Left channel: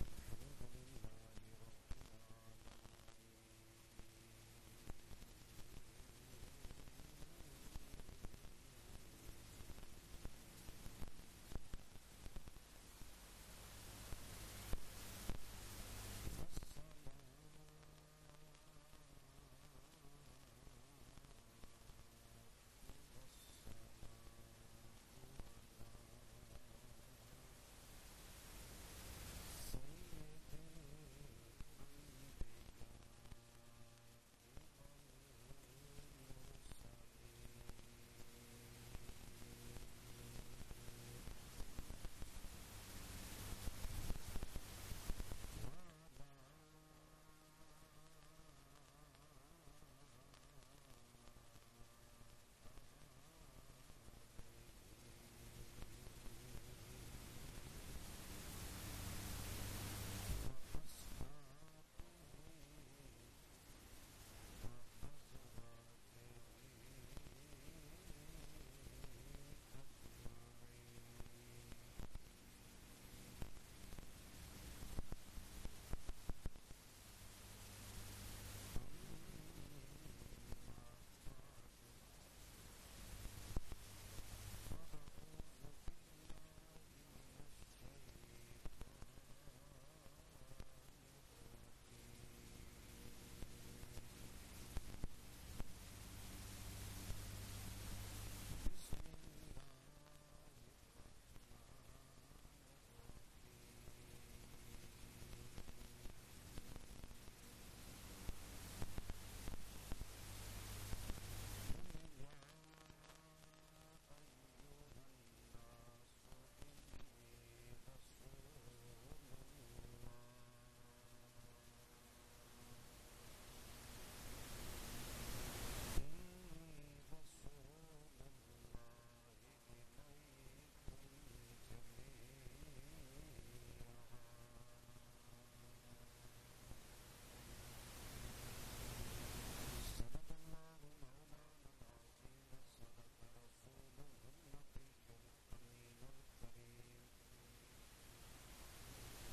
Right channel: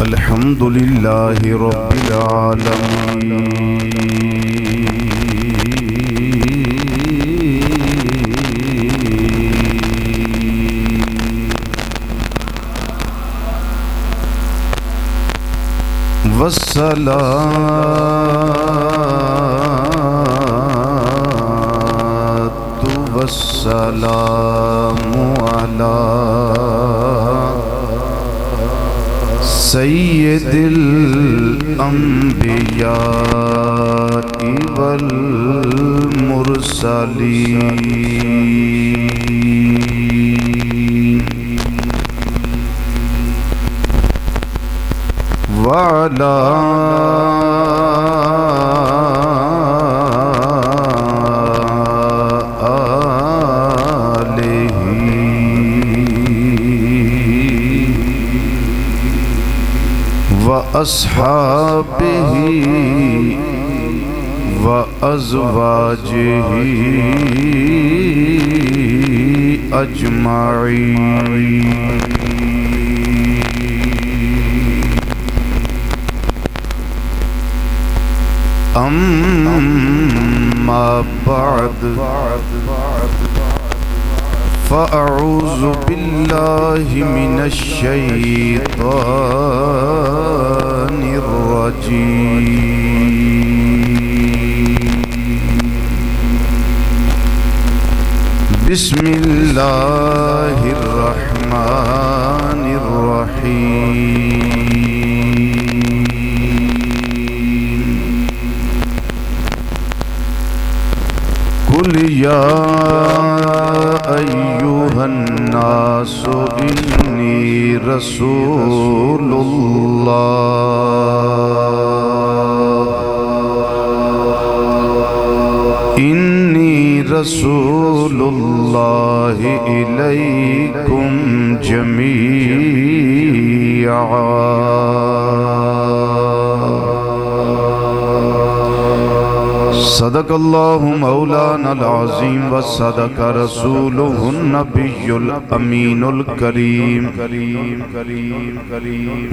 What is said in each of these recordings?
الحمد لله رب العالمين والصلاة والسلام على سید الانبیاء والمرسلین وعلى وأصحابه وأزواجه أجمعين أما بعد فأعوذ بالله من الشيطان الرجيم بسم الله الرحمن الرحيم قل يا أيها الناس إني رسول الله إليكم جميعا صدق الله مولانا العظيم وصدق رسوله النبي الأمين الكريم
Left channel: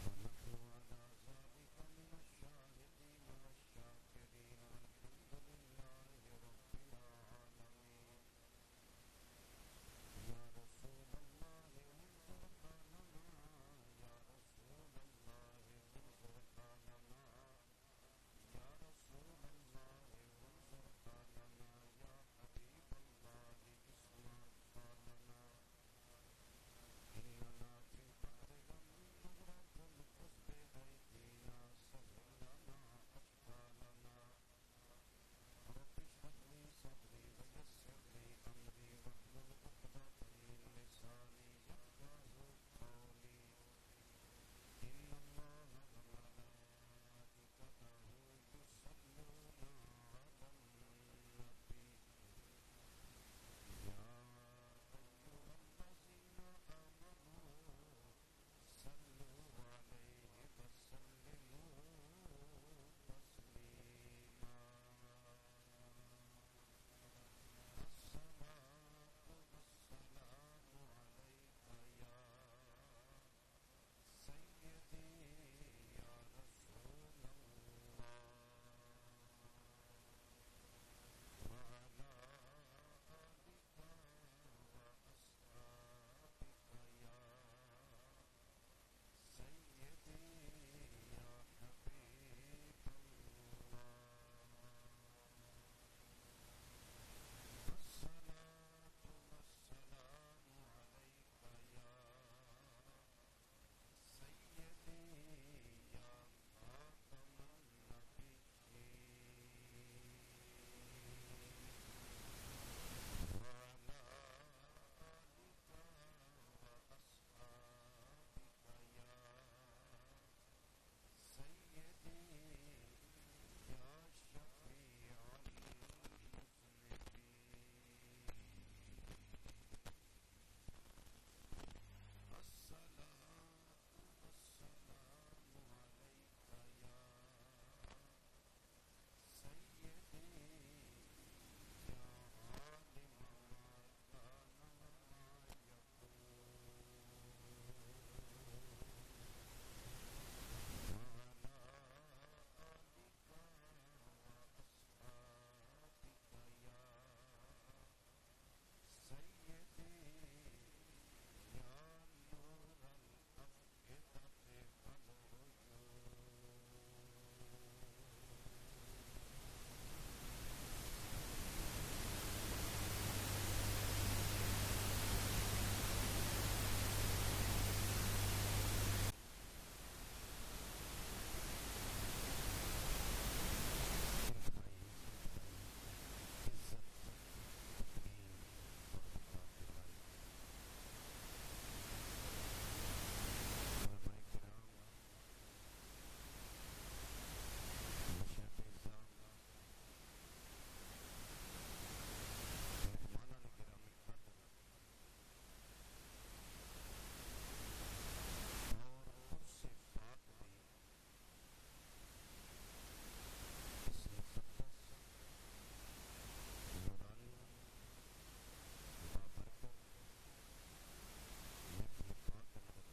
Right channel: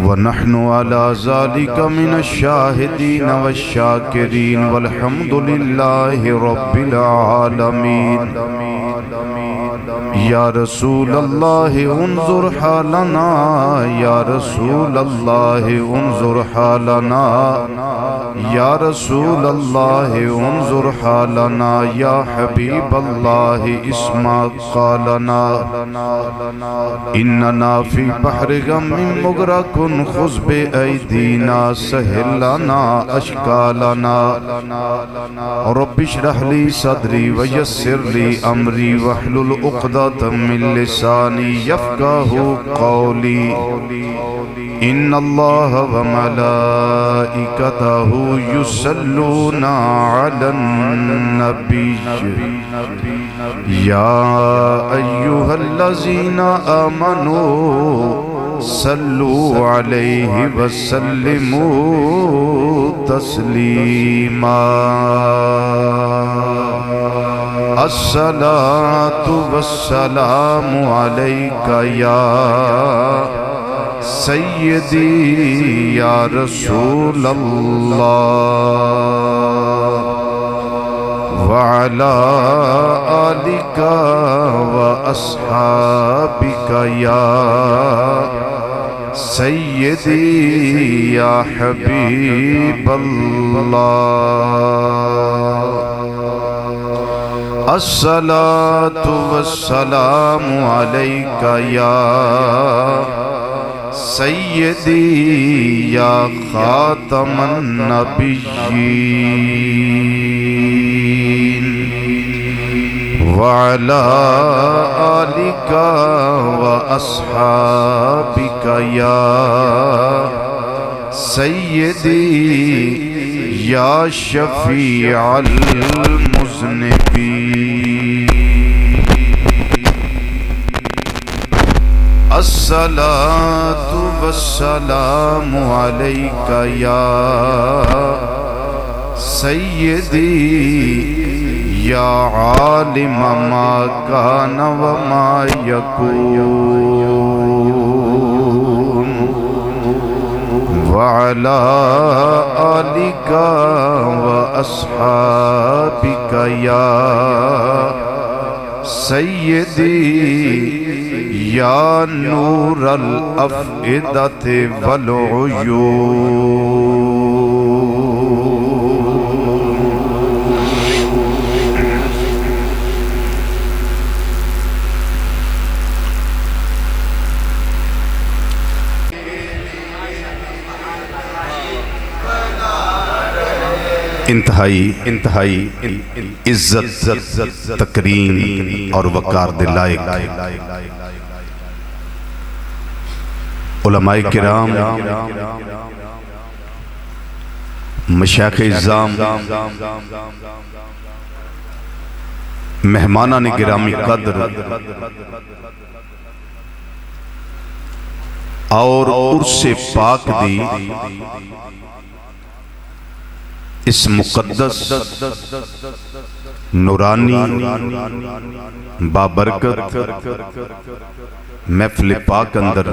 ونحن على ذلك من الشاهدين والشاكرين والحمد لله رب العالمين یا رسول اللہ انظر حالنا یا رسول اللہ انظر حالنا یا رسول اللہ انظر حالنا یا حبیب اللہ اسمع قالنا اننا فی بحر غم مغرق خذ بأیدینا سہل لنا اشکالنا رب اشرح لی صدری ویسر لی امری واحلل عقدۃ من لسانی یفقہوا قولی ان اللہ وملائکتہ یصلون علی النبی یا ایہا الذین آمنوا صلوا علیہ وسلموا تسلیما الصلاة والسلام علیک یا سیدی یا رسول اللہ وعلا آلک واصحابک یا سیدی یا حبیب اللہ الصلاة والسلام علیک یا سیدی یا خاتم النبیین وعلا آلک واصحابک یا سیدی یا شفیع المذنبین الصلاة والسلام علیک یا سیدی یا عالم ما کان وما یکون وعلى آلك وأصحابك يا سيدي يا نور الأفئدة والعيون. انتہائی عزت تکریم اور وقار دے لائق علماء کرام، مشایخ اعظام، مہمانان گرامی قدر اور عرس پاک دی اس مقدس نورانی بابرکت محفل پاک اندر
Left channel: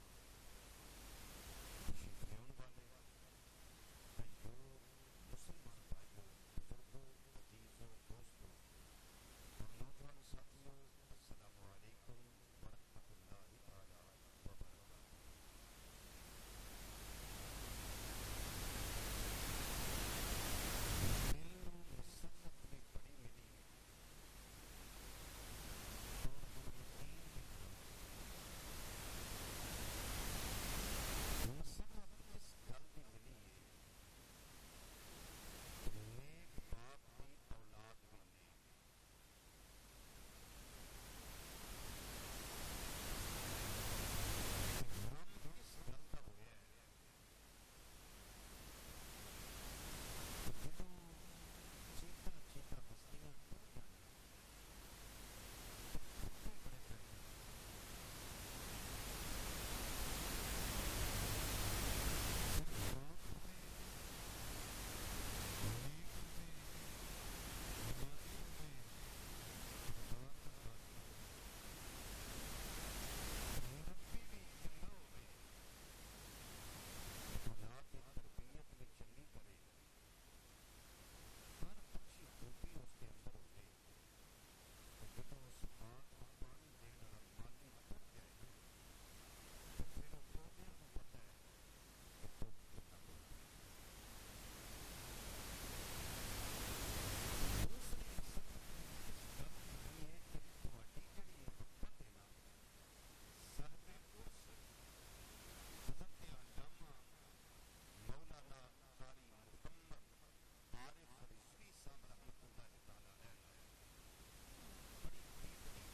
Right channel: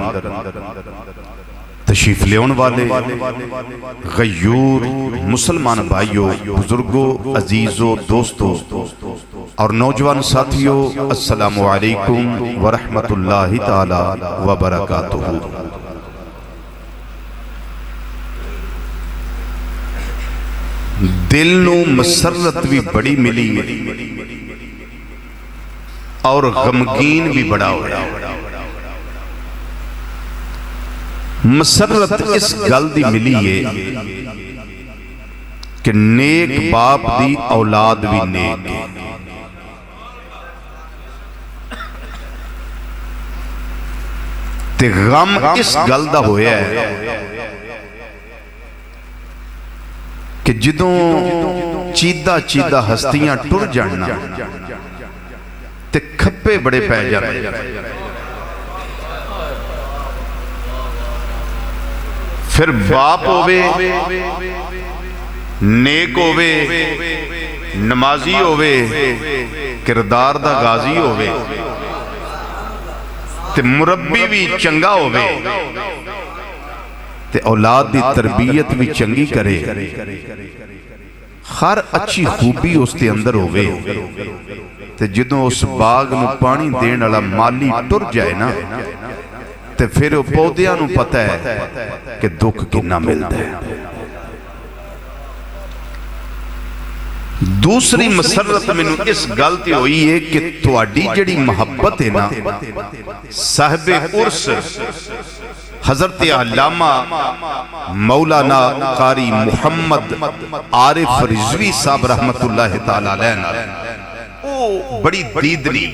تشریف لیون والے غیور مسلمان بھائیوں، بزرگوں، عزیزوں، دوستوں اور نوجوان ساتھیوں، السلام علیکم ورحمت اللہ تعالی وبرکاتہ۔ دل نو مسرت بھی بڑی ملی اور غمگین بھی بڑا ہویا۔ مسرت اس گل دی ملی ہے کہ نیک باپ دی اولاد بھی نیک ہے، تے غم اس گل دا ہویا ہے کہ جدوں چیدہ ہستیاں ٹر جاننا تے کھپے بڑے پہ جانے۔ پھر باپ ہووے، نیک ہووے، نمازی ہووے، کردار دا غازی ہووے، تے مربی بھی چنگا ہووے، تے اولاد دی تربیت بھی چنگی کرے، ہر اچھی خوبی اس تے اندر ہوئے، تے جدوں اس باغ نو پانی دین والا مالی ٹر جائے نا، تے پھر وہ پودیاں نو پتہ ہے کہ دکھ کتنا ملتا ہے۔ دوسری مسرت میں اس گلتی ہوئی ہے کہ تواڈی جڑی محبت ہے نا، صاحب عرس حضرت علامہ مولانا قاری محمد عارف رضوی صاحب رحمت اللہ تعالیٰ علیہ بڑی دیدنی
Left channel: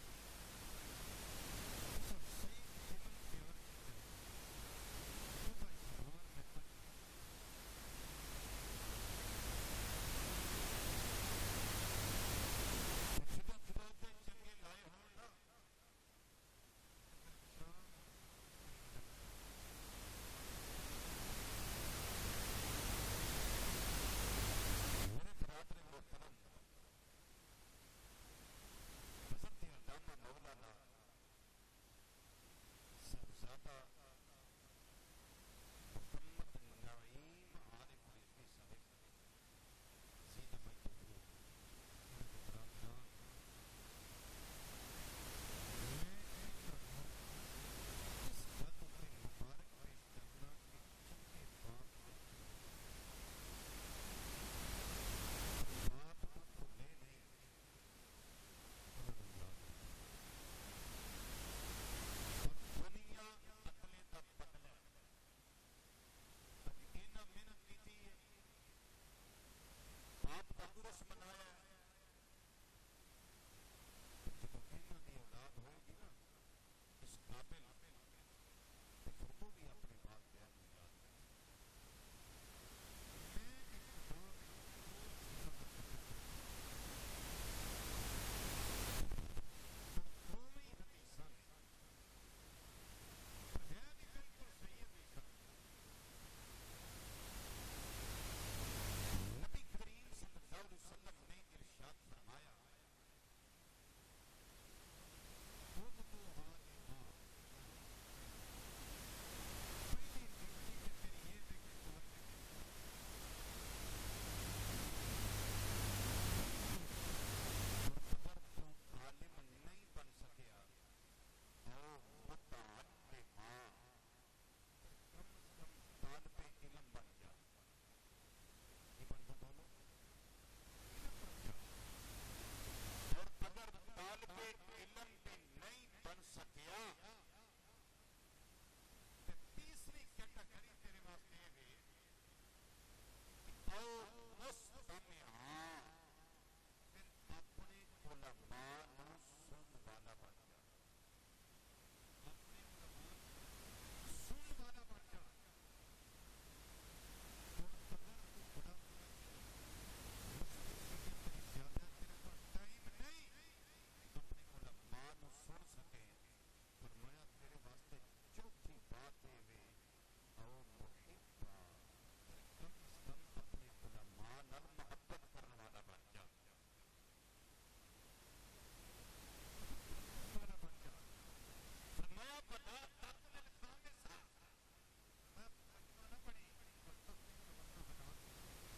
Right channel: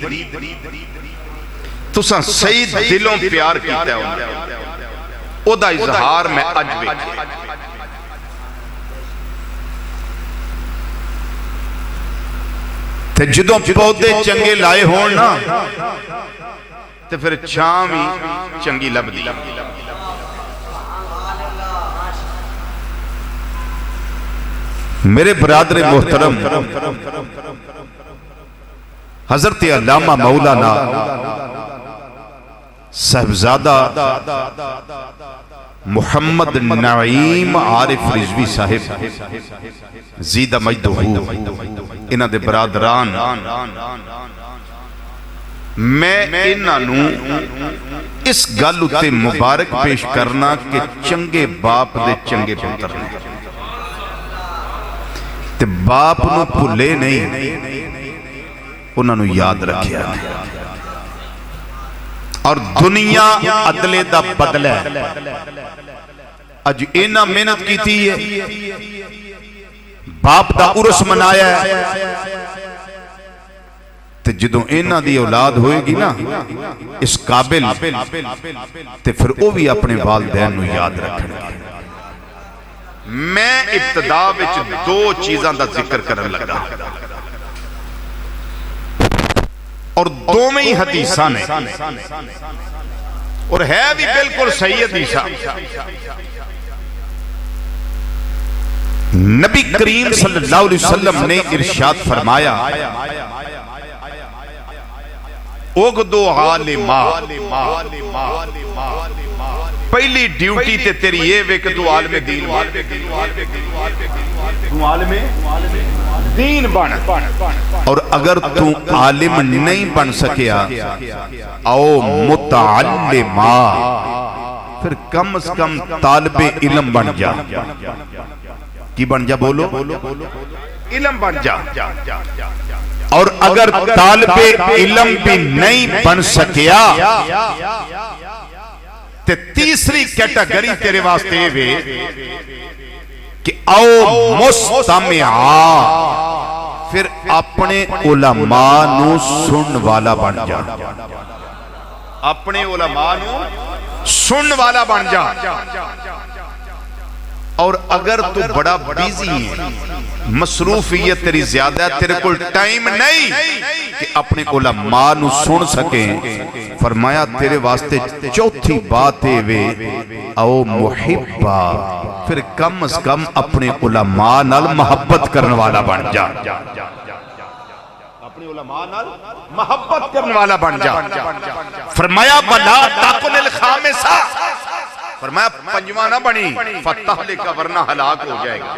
تساں صحیح دلوں پیار کیتا ہے او دا اظہار میں اج ویکھیا۔ تے جدوں پودے چنگے لائے ہون نا تے پھر چھاں بھی چنگی لب دی۔ میرے برادر محترم، حضرت علامہ مولانا صاحبزادہ محمد نعیم عارف رضوی صاحب زیدہ مجدہ انہاں دے برادران، میں انہاں نو اس گل اتے مبارک پیش کرنا کہ چنگے باپ دے چنگے پتر نے، تے باپ نو بھلے نہیں، انہاں نو یاد رکھیا اور دنیا عدلے دا بدلہ ہے۔ اج اینا محنت کی تھی ہے، باپ دا عرس منایا ہے، تے جدوں اینا دی اولاد ہوئے گی نا اس قابل، تے پھر او بھی اپنے والدین نو یاد رکھنے گے۔ میں ابتدا وچ دو چیزاں دا ذکر کرن لگا اور دو میں ہی حدیثاں نے اور ہے بھی بالکل صحیح حدیثاں۔ نبی کریم صلی اللہ علیہ وسلم نے ارشاد فرمایا، اغدو عالما پہلی ڈیوٹی تے تیری یہ وے کہ تو عالم دین بن، تو عالم دین بن، اور اگر تو عالم نہیں بن سکیا او متعلما، پھر کم از کم طالب علم بن جا۔ کی بن جا؟ بولو، علم بن جا۔ اور اگر طالب علم بھی نہیں بن سکیا تے تیسری کیٹیگری تیرے واسطے وے کہ او مستمعا، پھر اپنے علماء نو سن والا بن جا، اپنے علماء نو سن والا بن جا۔ اور اگر تو بڑا بیزی ہے، مصروفیت تیری زیادہ ہے، تیرے کل ٹائم نہیں کہ اپنے علماء نو سن سکیں، فرمایا تیرے واسطے چوتھی بات ہے وے او محبا، پھر کم از کم اپنے علماء نال محبت کرنے والا بن جا، اپنے علماء نال محبت کرنے والا بن جا۔ فرمایا بلا تاکن الخامسہ، فرمایا پنجواں نہ بنی فتح لکا ورنہ ہلاک ہو جائے گا،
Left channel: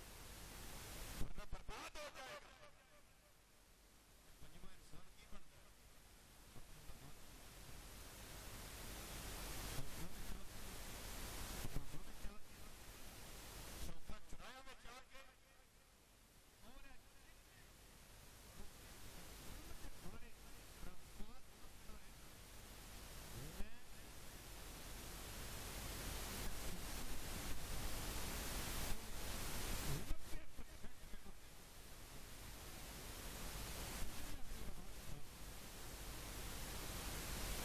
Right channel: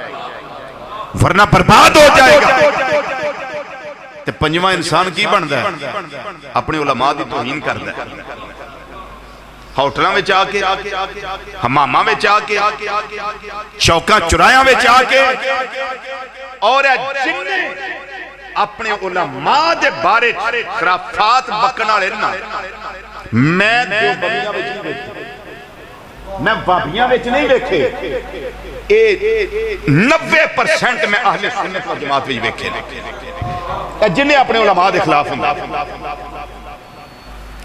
ورنہ برباد ہو جائے گا۔ تو پنجواں انسان کی بندہ ہے؟ اپنے علماء دی توہین کردہ ہے، ہوٹلاں وچ آ کے، حماماں وچ آ کے، چوکاں چرایاں وچ آ کے، اور جن اپنے علماء دے بارے خرافات بکنا لینا، میں دیوبندیاں وچ نہیں دیکھے، میں وابیاں وچ نہیں دیکھے، 90% میں اہل سنت و جماعت وچ دیکھے جنہیں اپنے علماء دے خلاف ہوں۔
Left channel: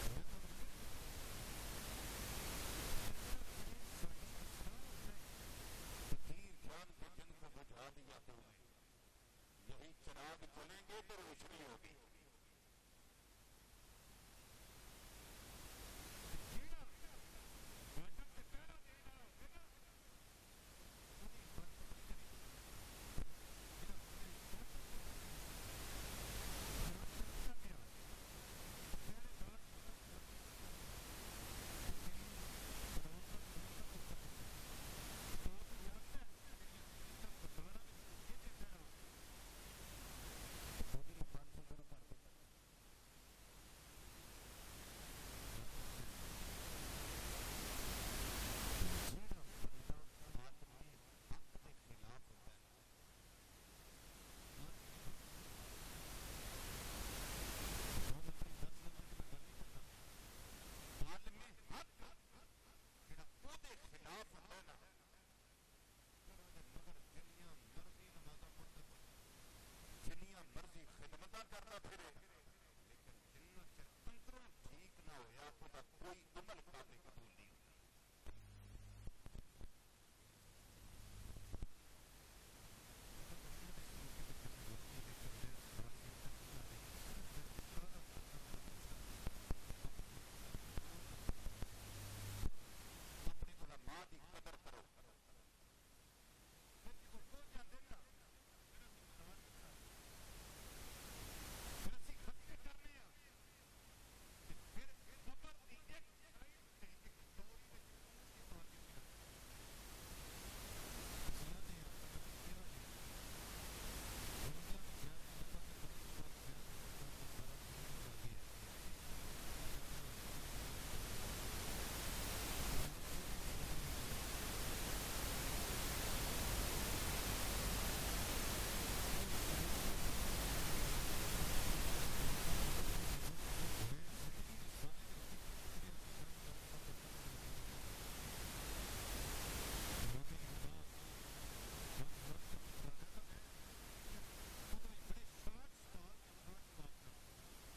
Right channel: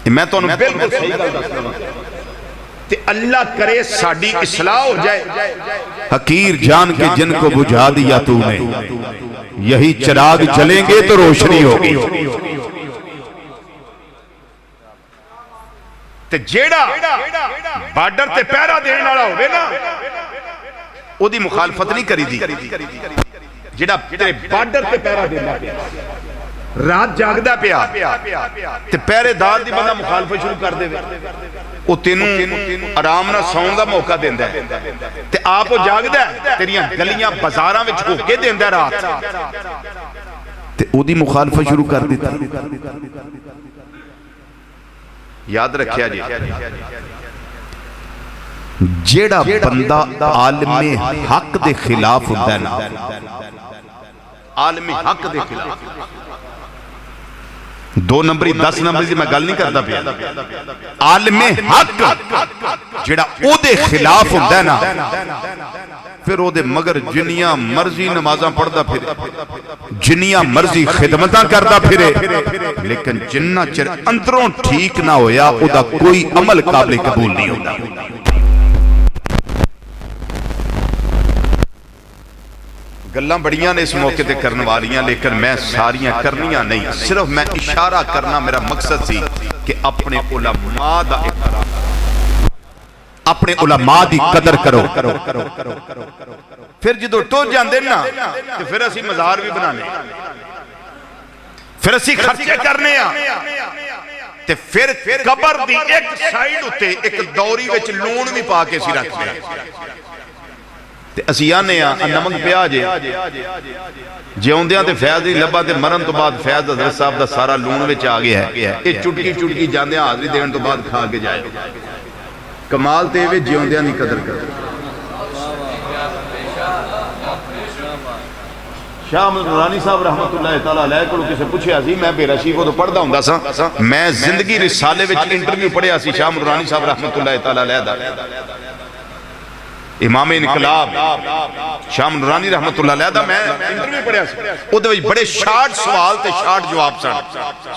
میں تو انہوں بالکل صحیح گل دس رہا ہوں، اللہ کرے ساڑی اصلاح ہو جائے۔ حقیر جان کے جن کو بجھا دیا تو نے، یہی چراغ جلیں گے تو روشنی ہوگی۔ تے جیڑا بارڈر تے پیرا دینے والا ہوئے نا، او دی مخالفت نہیں کری دی، جیڑا تیرے بارڈر تے پیرا دینا پیا، رات جاگدہ پیا تے پیرے دار دی بندہ مخالفت شروع کر دے، او تینوں آرام نہ سون دا موقع دیندہ ہے، تے آپ جاگدہ ہے، تیریاں گلیاں بازاراں وچ ہو کے دیندہ رات، تے او دی مخالفت شروع کر دیتا۔ یاد رکھیا جی، جیڑا بندہ عالم حق دے خلاف ہوتا ہے نا، عالم حق دے خلاف، 2 نمبری 10 نمبری سے میں گل نہیں کرتا پیا، عالم حق جیڑا او دے خلاف ہوتا ہے نا، پھر او دے مگر جنیاں مرضی نمازاں پڑھدا پھرے، جنیاں مرضی خدمتاں کردہ پھرے، لیکن جنہ چر اندروں ٹھیک نہ ہویا او دا کوئی عمل قابل قبول نہیں ہوتا۔ گلاں بڑیاں نے اس موقع تے کرنے والیاں، لیکن میں ساریاں کرنیاں نہیں، صرف میں اشارہ کرنا میرا مقصد سی کہ اپنے علماء دا احترام، اپنے علماء دی قدر کرو۔ پھر جدو ٹو جاندے نا تو پھر اسی مزار بھی بنانے، پھر اسی خرچے کرنے تے پھر قبر دی ایک سائیڈ ہوتے ایک دوری وچ لون بھی پا کے سی رکھتے ہیں تے اسی آنے نمک پیا جے جیوندیاں تے فیض دی لبا تے مرن تو بعد فیض حضرت صاحب دا سارا لون وچ آ گیا ہے، یہ چٹکی چٹکی جاندیاں حاضری دین تو بعد کھا کے جائے۔ کمال تے وے جیوندیاں نہیں قدر کر۔ شاہ نورانی صاحب رحمت اللہ تعالیٰ علیہ کو کسے پوچھے آسی، میں بے رشی کو تو پڑھدا ہوں دا سا، میں زندگی رسالے وچ انٹرویو پڑھے آسی شاہ نورانی صاحب رحمت اللہ تعالیٰ علیہ دا، امام انقلاب شاہ نورانی رحمت اللہ علیہ دا میں انٹرویو پڑھے آسی، او دے وچ بڑے شارٹ سوال تے شارٹ جواب سن،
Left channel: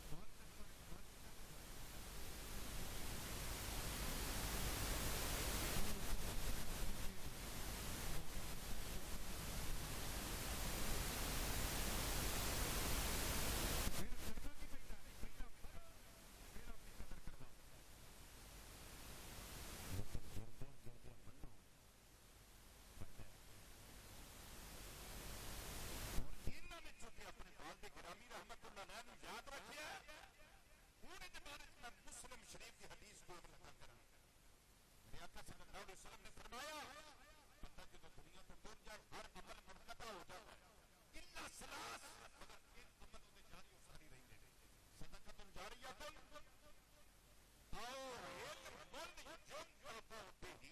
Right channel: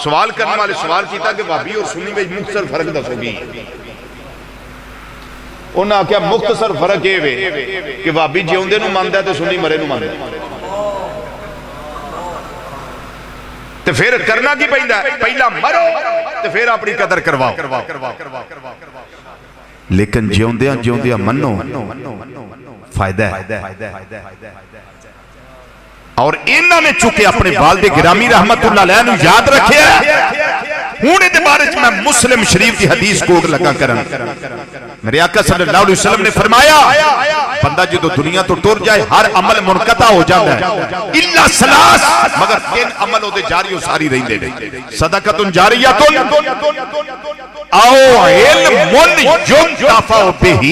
سوال کرنے والے سوال کیتا کہ وہابی اور سنی وچ مختصر فرق دسو گی۔ انہاں کیا مختصر فرق یہ وے کہ وہابی جیوندے نو ماندا ہے تے سنی مرے نو ماندا ہے، تے پھر کرنا کی پہندا ہے، پہلا مرو تے پھر اپنی قدر کرواؤ۔ لیکن جیوندیاں جیوندیاں منو فائدہ ہے، اور انہوں نے چکے اپنے والد گرامی رحمت اللہ علیہ نو یاد رکھے ہوں دے بارے میں مسلم شریف کی حدیث کوٹ لگا کرن میرے آقا صلی اللہ علیہ وسلم نے فرمایا بندہ جدو دنیا تو ٹر جائے ہر عمل منقطع ہو جاتا ہے الا ثلاث مگر 3 عمل ہوتے جاری و ساری رہندے نے صدقۃ جاریۃ او علم ينتفع به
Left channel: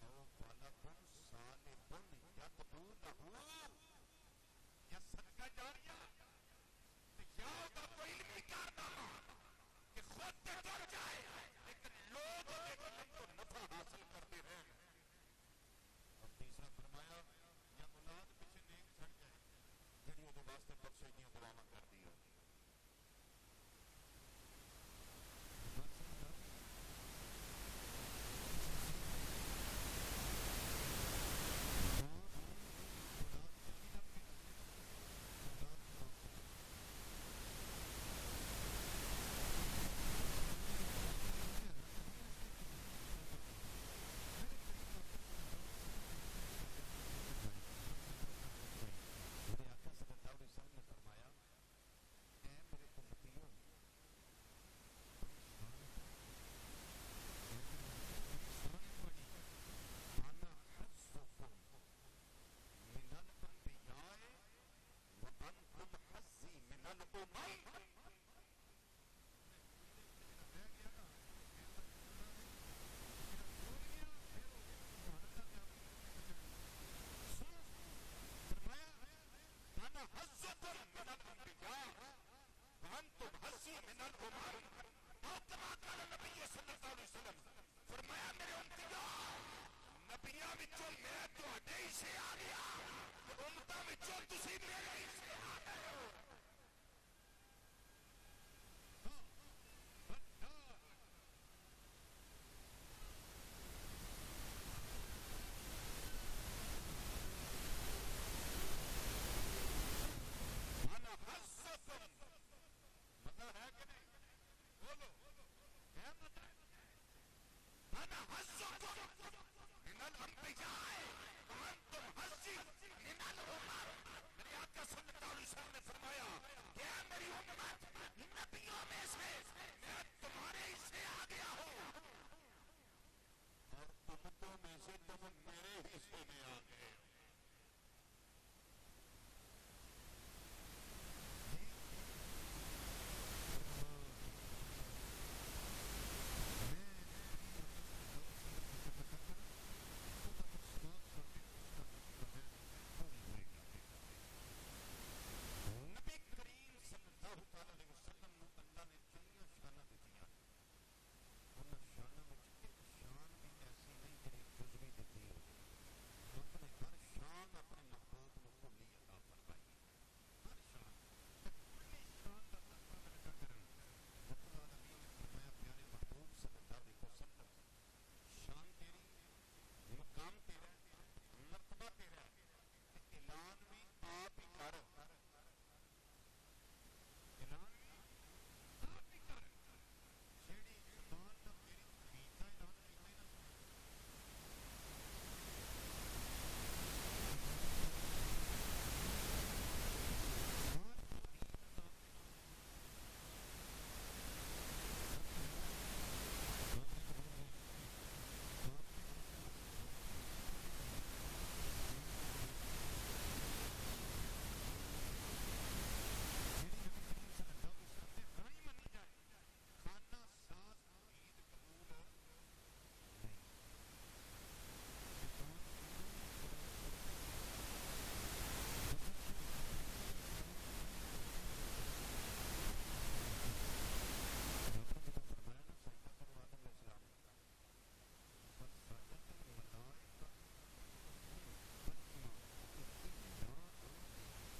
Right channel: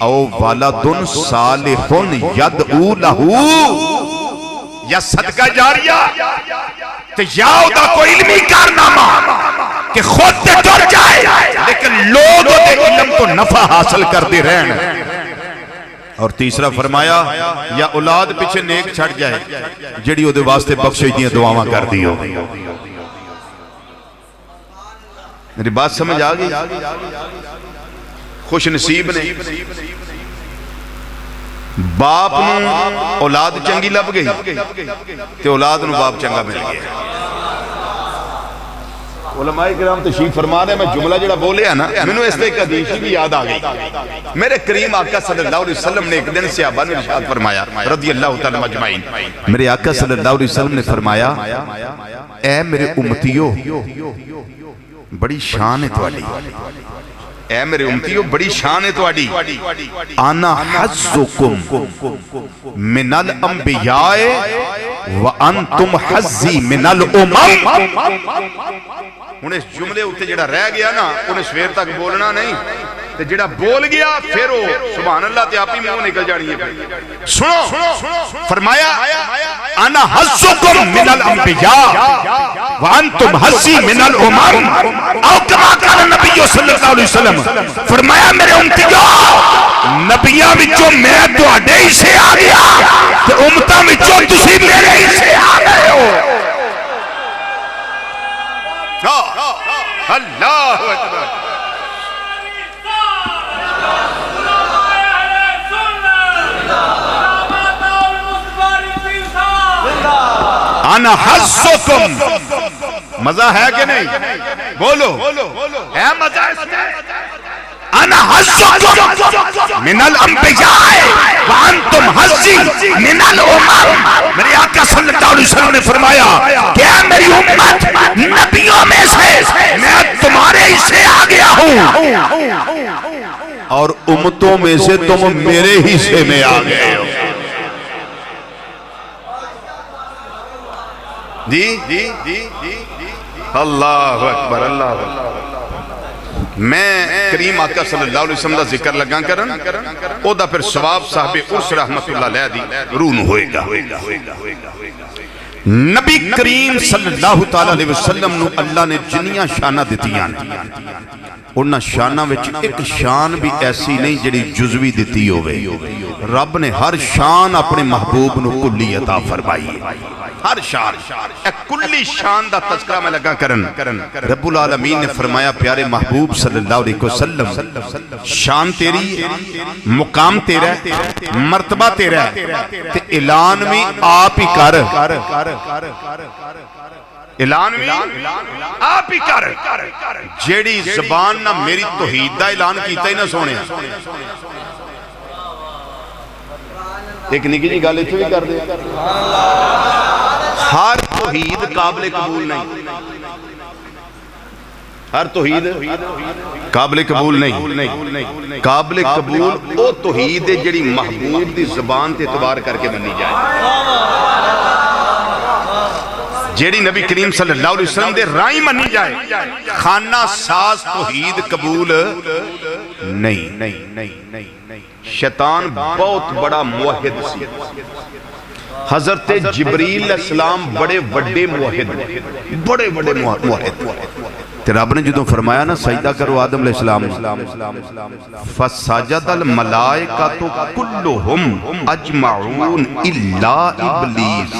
او ولد صالح يدعو له یا صدقہ جاریہ تو یا دا کوئی علمی کارنامہ کہ خود تے ٹر جائے لیکن لوگ دے علم تو نفع حاصل کرتے رہن اور تیسرا فرمایا یا اولاد پیچھے نیک چھڑ جائے جڑی او دے واسطے بخشش دیاں دعاواں کر دیو میری بات سمجھ آگئی خوش نصیب نے باپ نو اولاد چنگی لب گئی تے اولاد نو باپ چنگا مل گیا علماء کرام تشریف فرما رہے ہیں میں جملہ جڑا بولے ہیں نا میں نے اس ایک حدیث بھی یاد آ گئی میرے کریم آقا صلی اللہ علیہ وسلم نے ایک دن صحابہ نے ارشاد فرمایا رضی اللہ تعالی مجمعین میرے آقا صلی اللہ علیہ وسلم نے فرمایا اے میرے امتیو بڑی شان ہے تواڈی اے میرے امتیو بڑی شان ہے تواڈی انا حظکم من الانبیاء وانتم حظی من الامم انہیں اس جملے ہوتے جڑا رہ گیا نا انہیں سویر تک بولنا نہیں تے جڑا بول گیا پھر وہ سبحان اللہ تے آپ ہی میں وہ نکل جانی ہے سنو فرمایا انا حظکم من الانبیاء وانتم حظی من الامم او کما قال نبی صلی اللہ علیہ وسلم فرمایا میرے امتیوں نبیاں وچوں میں تواڈے ہی سے آ گیا تے امتاں وچوں تسی میرے ہی سے آ گئے ہو اللہ اکبر انا حظکم مزہ ہے کہ نہیں بولو ہے مزہ اس میں انا حظکم من الانبیاء وانتم حظی من الامم میرے آقا صلی اللہ علیہ وسلم نے فرمایا کہ اے میری امت نبیوں میں سے میں تمہارے ہی سے آ گیا ہوں اور امتوں میں سے تم میرے ہی سے میں آ گئے ہو جی اللہ اکبر اللہ اکبر میں کریم آقا صلی اللہ علیہ وسلم دا ذکر لگا کرن او دا پھر ثواب صاحب عرس رحمت اللہ علیہ دی رون ہوئے گا نبی کریم صلی اللہ علیہ وسلم نو اللہ نے جنیاں شانہ دیتیاں انہاں شانہ وچ ایک شان بھی ایسی نہیں جڑی جزوی دیتی ہوئے رب نے ہر شان اپنے محبوب نو کلی عطا فرمائی ہر شان ایک کلی شان دا تذکرہ میں لگا کرن رب العالمین نے فرمایا پیارے محبوب صلی اللہ علیہ وسلم شان تیری مقام تیرا مرتبہ تیرا تے اعلان بھی آپ ہی کر اعلان بھی آپ ہی کر جیڑی زبان نہ میری توحید دا اعلان کیتا ہی نہ سونے ایک نکی جی گالے چھوئی کر دے ہر توحید قابل قبول نہیں ہر توحید قابل قبول نہیں قابل قبول او توحید جڑی محبوب دی زبان تے اعتبار کر کے بنی جائے جیڑی نبی کریم صلی اللہ علیہ وسلم دے رائی منی جائے خانہ ساز توحید قبول نہیں شیطان بہت بڑا موحد سی حضرت جبریل السلام بڑے وڈے موحد بڑے موحد تے رب نے جدوں فرمایا نا سجدہ کرو آدم علیہ السلام فسجد الملائکۃ کلہم اجمعون الا ابلیس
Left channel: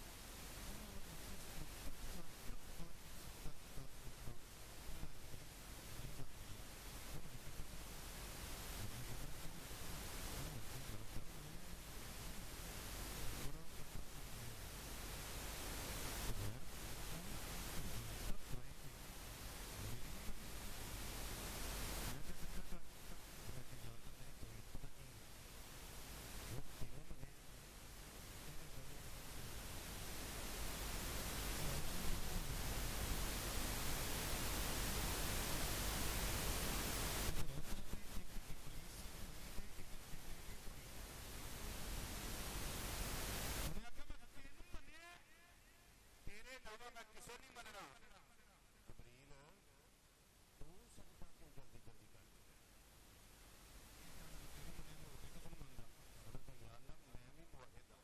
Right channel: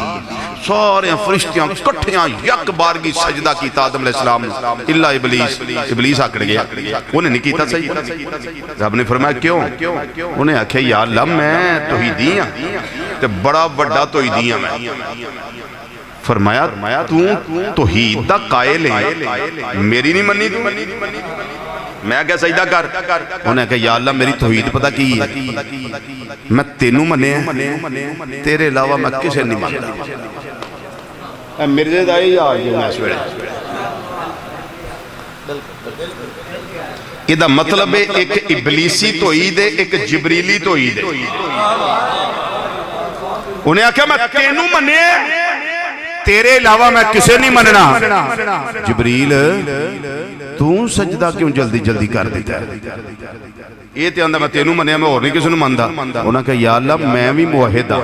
سارے فرشتیاں کٹھیاں یک بارگی سجدہ کیتا آدم علیہ السلام الا ابلیس آکڑ گیا انہیں نہیں کیتا صحیح رب نے فرمایا کیوں انہیں آکھے یا اللہ میں توحیدی ہاں تے بڑا بڑا توحیدی ہاں میں فرمایا تو توحید دا قائل ہے میری نہیں منی تو میں کیا سجدہ کر انہیں کہا یا اللہ میری توحید پتہ کی ہے میں تینوں منے ہیں تیرے علاوہ میں کسے نہیں مانتا مرزے دائی یا آج میں اس ویلے ਇਹਦਾ ਮਤਲਬ ਹੈ ਇੱਕ ਇਬਲੀਸੀ ਤੋਈਦ ਹੈ, ਇੱਕ ਜਿਬਰੀਲੀ ਤੋਈਦ ਹੈ। ਉਹਨੇ ਆਖਿਆ ਮੈਂ ਤੈਨੂੰ ਮੰਨਿਆ, ਤੇਰੇ ਇਲਾਵਾ ਮੈਂ ਕਿਸੇ ਨਹੀਂ ਮੰਨਣਾ। ਜਿਬਰੀਲ ਤੂੰ ਸਜਦਾ ਕਿਉਂ ਜਲਦੀ ਜਲਦੀ ਕਰ ਦਿੱਤਾ? ਇਹ ਤੇ ਆਂਦਾ ਮੈਂ ਤੈਨੂੰ ਮੰਨਿਆ, ਮੈਂ ਹੋਰ ਨਹੀਂ ਕਿਸੇ ਨੂੰ ਮੰਨਦਾ। ਉਹਨਾਂ ਕਹਾ ਯਾ ਅੱਲਾ ਮੈਂ ਵੀ ਮੁਵਹਿਦ ਹਾਂ।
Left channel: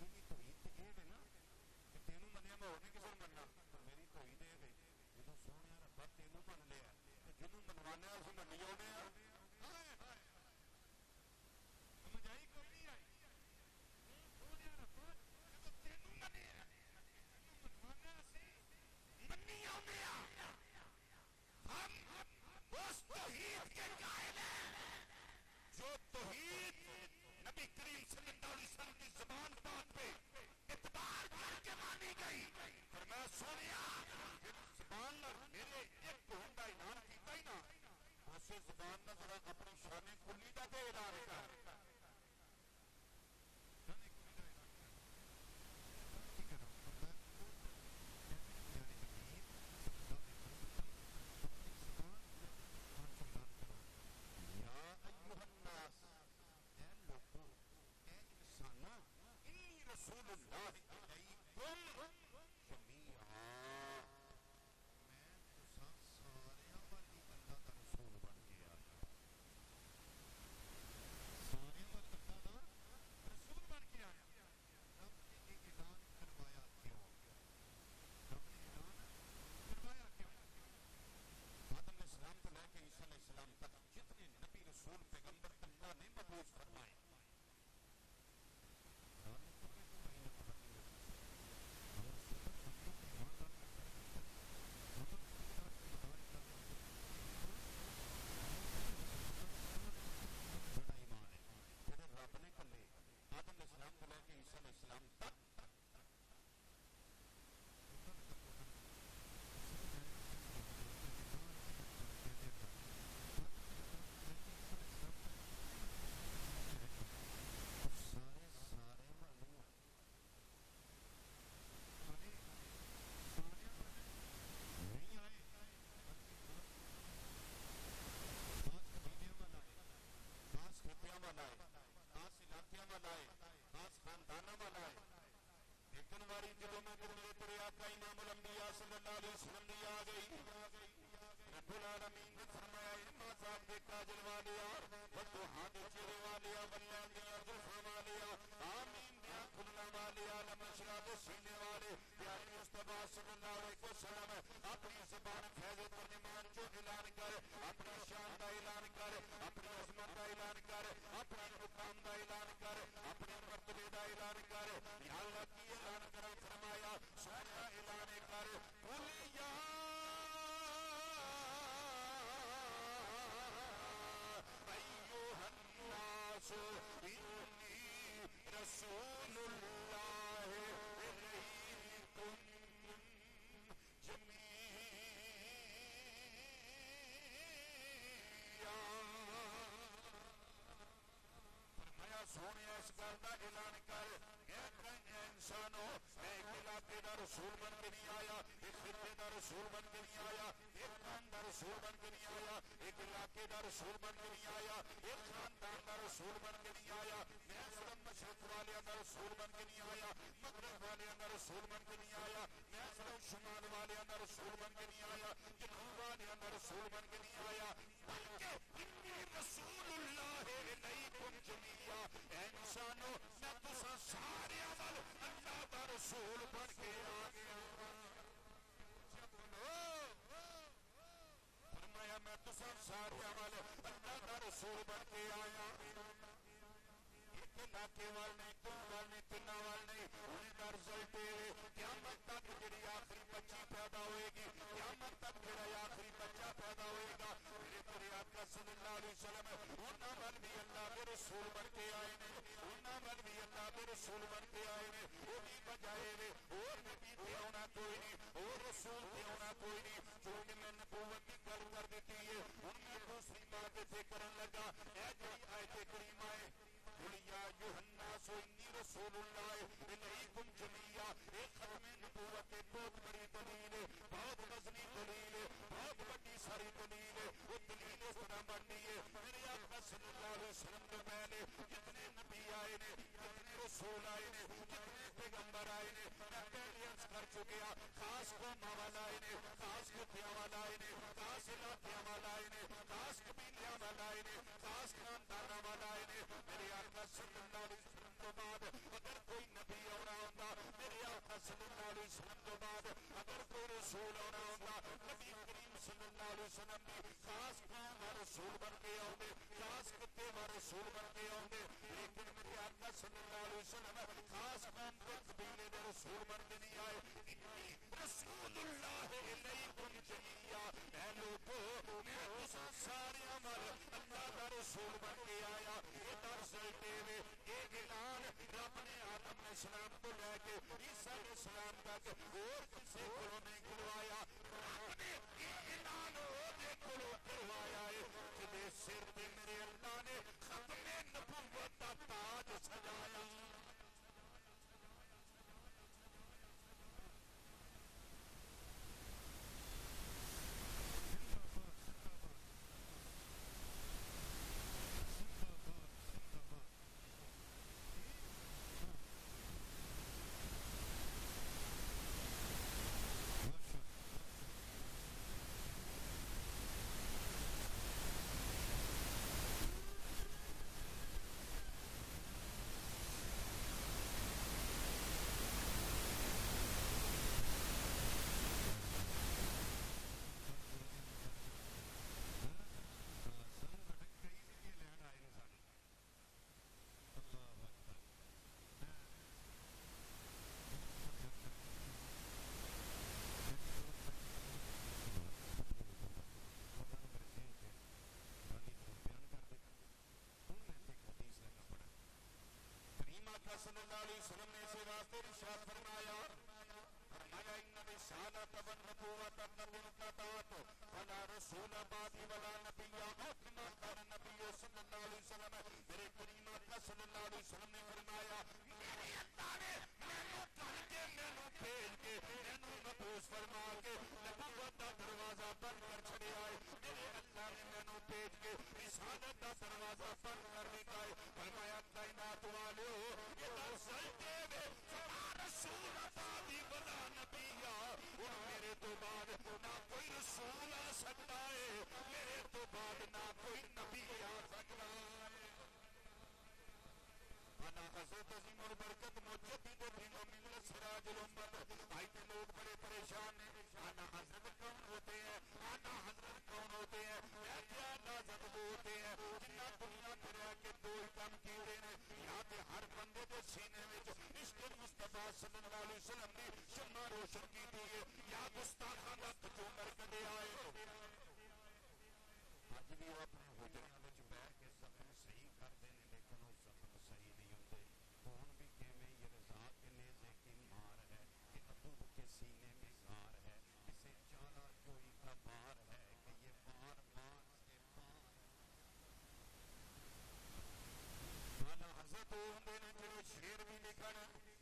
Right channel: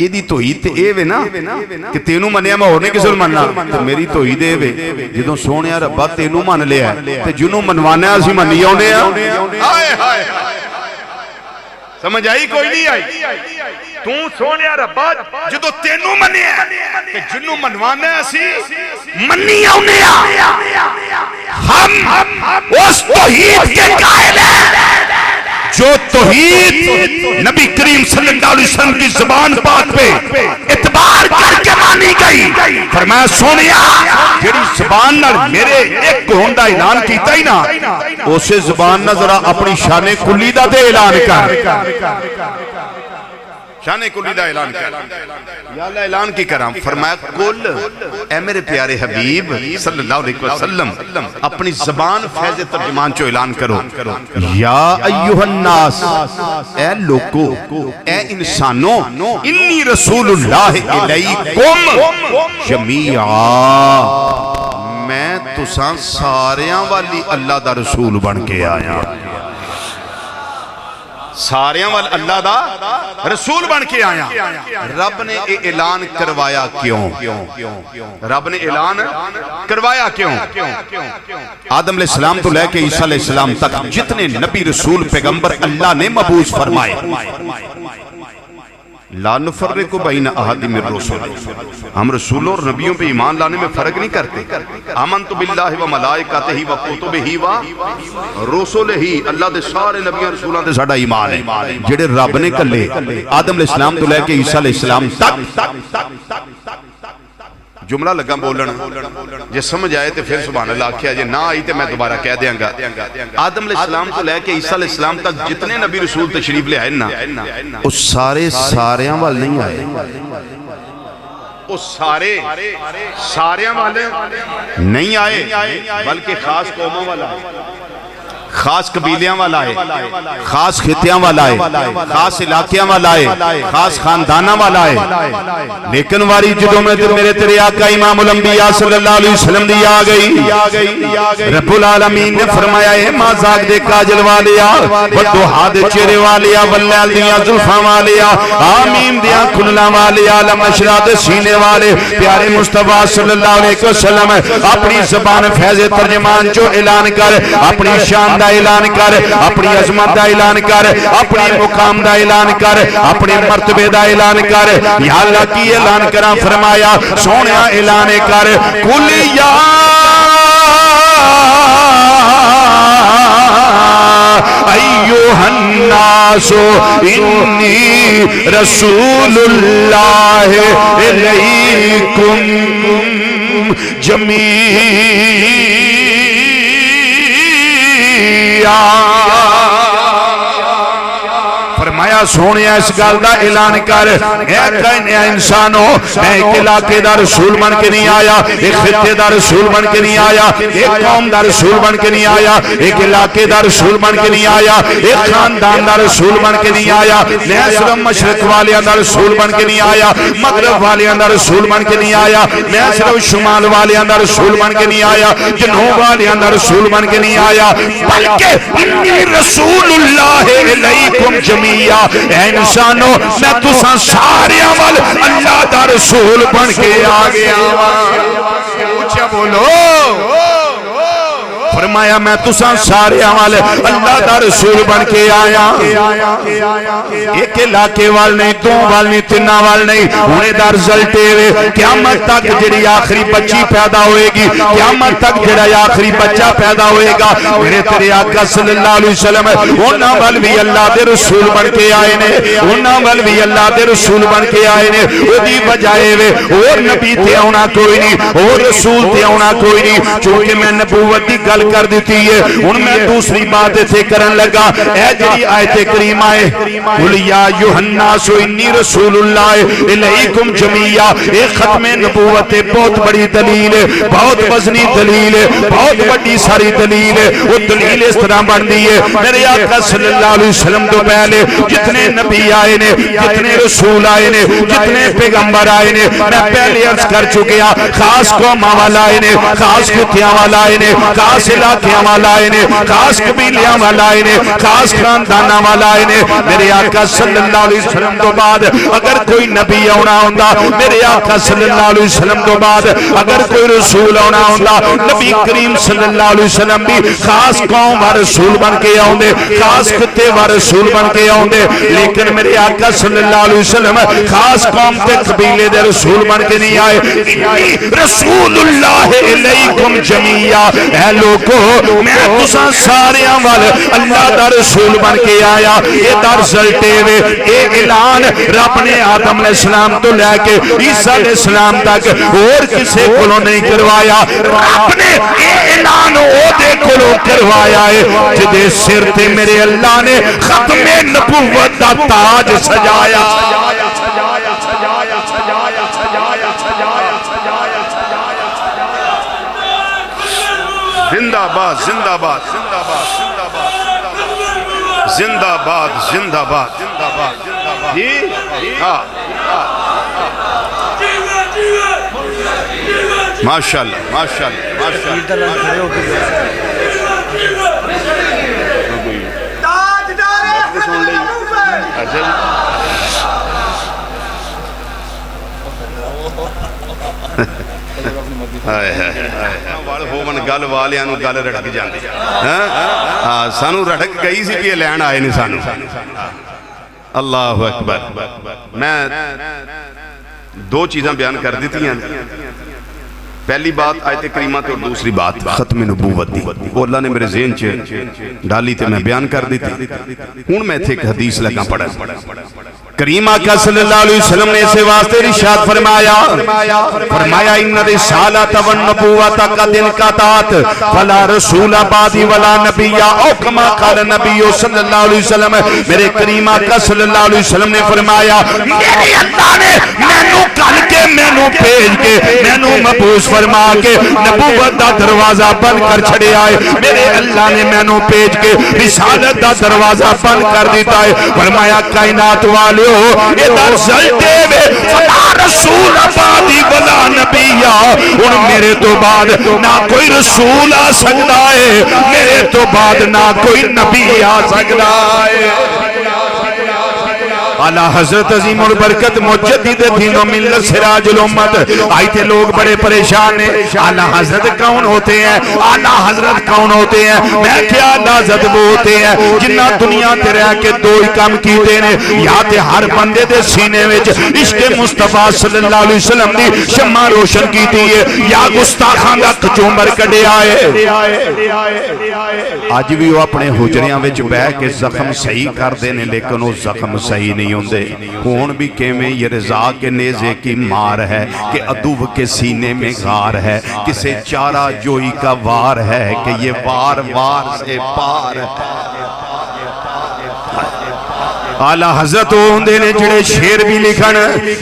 ਇਹਦੀ ਧੋਈ ਤੇ ਇਹ ਵੇ ਨਾ ਕਿ ਤੈਨੂੰ ਮੰਨਿਆ ਮੈਂ ਹੋਰ ਨਹੀਂ ਕਿਸੇ ਨੂੰ ਮੰਨਣਾ, ਤੇ ਮੇਰੀ ਧੋਈ ਦੇ ਵੇ ਜਦੋਂ ਸੋਹਣਿਆ ਰੱਬਾ ਤੈਨੂੰ ਮੰਨ ਲਿਆ ਤੇ ਜਿਹਨੂੰ ਮਨਵਾਣਾ ਅਸੀਂ ਮੰਨੀ ਆਉਂਦੇ ਆ। ਹਾਏ ਹਾਏ ਸਮਝ ਆਈ? ਕੋਈ ਨਹੀਂ ਆਈ? ਤੂੰ ਸੋਹਣਿਆ ਰੱਬਾ ਜਦੋਂ ਤੈਨੂੰ ਮੰਨਿਆ ਤੇ ਜਿਹਨੂੰ ਮਨਵਾਣਾ ਅਸੀਂ ਮੰਨੀ ਆਉਂਦੇ ਆ। ہم اس توحید کے قائل ہیں جو توحید نبی کریم صلی اللہ علیہ وسلم کی زبان پاک پہ اعتبار کر کے مانی گئی۔ فرمایا سونیا جیڑی زبان نال میرے ایک ہون دا اعلان کیتا ہی نا، اسے زبان نہ ذرا اپنی شان کلی دا دے اعلان کر، شان کلی دا اعلان کر۔ یا اللہ اعلان کی کرام؟ فرمایا کل اے میرے پیارے حبیب صلی اللہ علیہ وسلم اپنی زبان فیض ترجمان چو اعلان کرو، یا ایوہ الناس، اے لوگو اے انسانوں، انی رسول اللہ علیکم جمیعا، میں تساں ساریاں والی اللہ دا رسول بن کے آیا، ساریاں وال اللہ دا رسول بن کے آیا۔ رب نے اعلان کروایا کیوں؟ رب نے اعلان کروایا کیوں؟ آدم علیہ السلام تو لے کے عیسیٰ علیہ السلام تک جتنے نبی رسول پیغمبر اللہ نے مبعوث فرمائے، لا نفرق بین احد من الرسل، ہم رسولوں اور نبیوں پہ ایمان لانے میں فرق نہیں کرتے۔ آمنت باللہ و ملائکتہ و کتبہ و رسلہ، اللہ دے سارے نبیوں رسولوں دے ساڈا ایمان ہے جڑے رب نے کلے آدم علیہ السلام تو لے کے عیسیٰ علیہ السلام تک۔ جملہ لگا بولن جے سمجھ آئے تو پھر سبحان اللہ کیا، جے نہ آئی تو میں دوبارہ کہہ دیاں گا۔ آدم علیہ السلام تو لے کے عیسیٰ علیہ السلام تک جتنے نبی رسول تشریف لے آئے نا، اس سارے ساریاں وال نہیں آئے، اس سارے ساریاں والے نہیں آئے، بلکہ خاص قوموں والا ہے، خاص قبیلیاں والا ہے، خاص خطیاں والا ہے، خاص علاقیاں والا ہے، خاص خاندانہ والا ہے۔ لیکن واری جدوں میں میرے تیرے آقا امام الانبیاء صلی اللہ علیہ وسلم دی آگئی، رب العالمین نے فرمایا اے مازاق دے کاجل والیا، ودوحا دے چہرے والیا، واللیل دیا زلفاں والیا، آمین دیا کھلنا والیا، لمشرا دے سینے والے، پیارے مصطفیٰ صلی اللہ علیہ وسلم اپنی زبان فیض ترجمان جو اعلان کر، اپنی شان دا اعلان کر، اپنی عظمت دا اعلان کر، اپنی مقام دا اعلان کر، اپنے مرتبے دا اعلان کر۔ یا اللہ کی اعلان کرا، فرمایا سونیا اعلان کر، قل یا ایوہ الناس انی رسول اللہ علیکم جمیعا، فرمایا سونیا اس گل دا اعلان کر، اے کہنے انسانوں میں ایک علاقے دا رسول بن کے نہیں آیا، ایک خطے دا رسول بن کے نہیں آیا، ایک قوم دا رسول بن کے نہیں آیا، ایک علاقے دا رسول بن کے نہیں آیا، ایک خاندان دا رسول بن کے نہیں آیا، میں صرف مشرق والیاں دا رسول بن کے نہیں آیا، مغرب والیاں دا رسول بن کے نہیں آیا، میں صرف شمال والیاں دا رسول بن کے نہیں آیا، جنوب والیاں دا رسول بن کے نہیں آیا، بلکہ انی رسول اللہ علیکم جمیعا، اے انسانوں میں تساں ساریاں وال اللہ دا رسول بن کے آ گیا۔ اونچا بولو، فرمایا میں تساں سارے والے اللہ دا رسول بن کے آیا۔ ایک علاقے وال نہیں، دو وال نہیں، تینہ وال نہیں، انہیں دا رزلٹ ہے قیامت تک جڑی آخری بچی پیدا ہوئے گی، قیامت تک جڑی آخری بچہ پیدا ہوئے گا، میرے تیرے آقا صلی اللہ علیہ وسلم انہاں وال بھی اللہ دے رسول بن کے آئے نے، انہاں وال بھی اللہ دے رسول بن کے آئے نے۔ وہ دی بجائے وے اور نبی تے ہونا کوئی نہیں، اور رسول تے ہونا کوئی نہیں، چونکہ میں نبوت دی گل بیان کر دیتی ہے. ان میں دوسری بات تھے کرن لگا اے جڑی آیت کریمہ ہے قل یا ایھا الناس انی رسول اللہ الیکم جمیعا, اے ختم نبوت بہت بڑی دلیل ہے, بہت وزنی دلیل ہے, بہت بڑی ساری دلیل ہے. وہ دلیل اس طرح بن دی ہے میرے آقا صلی اللہ علیہ وسلم تو پہلے جتنے نبی آئے نے, جتنے رسول آئے نے, جتنے پیغمبر آئے نے, میں پہلے عرض کر چکیا خاص قوماں والا آئے نے, خاص خطیاں والا آئے نے, خاص علاقیاں والا آئے نے, خاص قبیلیاں والا آئے نے, خاص خاندانہ والا آئے نے. میرے آقا صلی اللہ علیہ وسلم تو بعد اگر کوئی نبی آنا ہوندہ, میرے آقا صلی اللہ علیہ وسلم تو بعد اگر کوئی رسول آنا ہوندہ, نبی کریم صلی اللہ علیہ وسلم بھی خاص قوم و رسول بن کے آؤندے, خاص خطے و رسول بن کے آؤندے. لیکن میرے آقا صلی اللہ علیہ وسلم خاص قوم تے قبیلے دے رسول بن کے نہیں آئے. رسول اللہ علیکم جمیعا, اے لوگو میں تساں ساریاں وال اللہ دا رسول بن کے آیا. یہ دا رزلٹ ہے, یہ اعلان رب نے آدم علیہ السلام تو لے کے عیسیٰ علیہ السلام تک اور کسے کلوں نہیں کروایا. رب نے یہ اعلان او دے کلوں کروایا ہے جدے سر تے میرے اللہ نے ختم نبوت دا تاج سجایا. زندہ باد, زندہ باد, زندہ باد, زندہ باد, زندہ باد, زندہ باد, زندہ باد. جی ہاں ماشاءاللہ, ماشاءاللہ, ماشاءاللہ. گل والیاں گل رڑک جاندی, سانو رڑک گئی سی کہ لین آئے نہیں سانو. اللہ اکبر. میں دو چیزاں بیان کر دیتی ہیں. پہلی بات آیت کریمہ تے اور دوسری بات ختم نبوت دی, وہ اللہ نے میرے ذہن چ ڈالی تے میں بیان کر دیتی. ہن میں تھے ایک حدیث لگا پڑھا. کریم آقا صلی اللہ علیہ وسلم نے اسے واسطے ارشاد فرمایا ان رسالت والنبوت قد انقطعت فلا رسول بعدی ولا نبی او کما قال نبی صلی اللہ علیہ وسلم. میرے کریم آقا صلی اللہ علیہ وسلم نے فرمایا میرے اللہ نے مینوں کل کے مینوں بھیج کے مینوں مبعوث فرما کے نبوت دا دروازہ بند کر چھڑیا ہے. میرے اللہ نے مینوں بھیج کے رسالت دا دروازہ بند کر دیتا ہے. فرمایا کائنات والے یہ در زلتے میں فلا رسول بعدی ولا نبی, ان میرے تو بعد نہ کوئی رسول آ سکتا ہے, میرے تو بعد نہ کوئی نبی آ سکتا ہے. اعلی حضرت عظیم البرکت مجدد دین و ملت سراج الامت آئی تھے. لوگ بڑے پریشان ہیں اعلی حضرت کون ہوتے ہیں, اعلی حضرت کون ہوتے ہیں. میں کیا اعلی حضرت وہ ہوتے ہیں جنہ دنیا تے رہ کے دو ہی کام کیتے ہیں, یا تے ہر بندے دے سینے وچ عشق مصطفیٰ صلی اللہ علیہ وسلم دی شمع روشن کیتی ہے, یا گستاخاں دا کچومبر کڈیا ہے. اج بھی وہ اپنے حجریاں وچ بیٹھ کے زخم صحیح کر دے نے, لیکن وہ زخم صحیح نہیں ہوندے. کون بھی کہویں یہ رضا کے نیزے کی مار ہے کہ عدو کے سینے میں غار ہے, کسے چارہ جوئی کا وار ہے کہ یہ وار وار سے پار ہے. اعلی حضرت ہوندے نے جڑے شیر بھی لکھن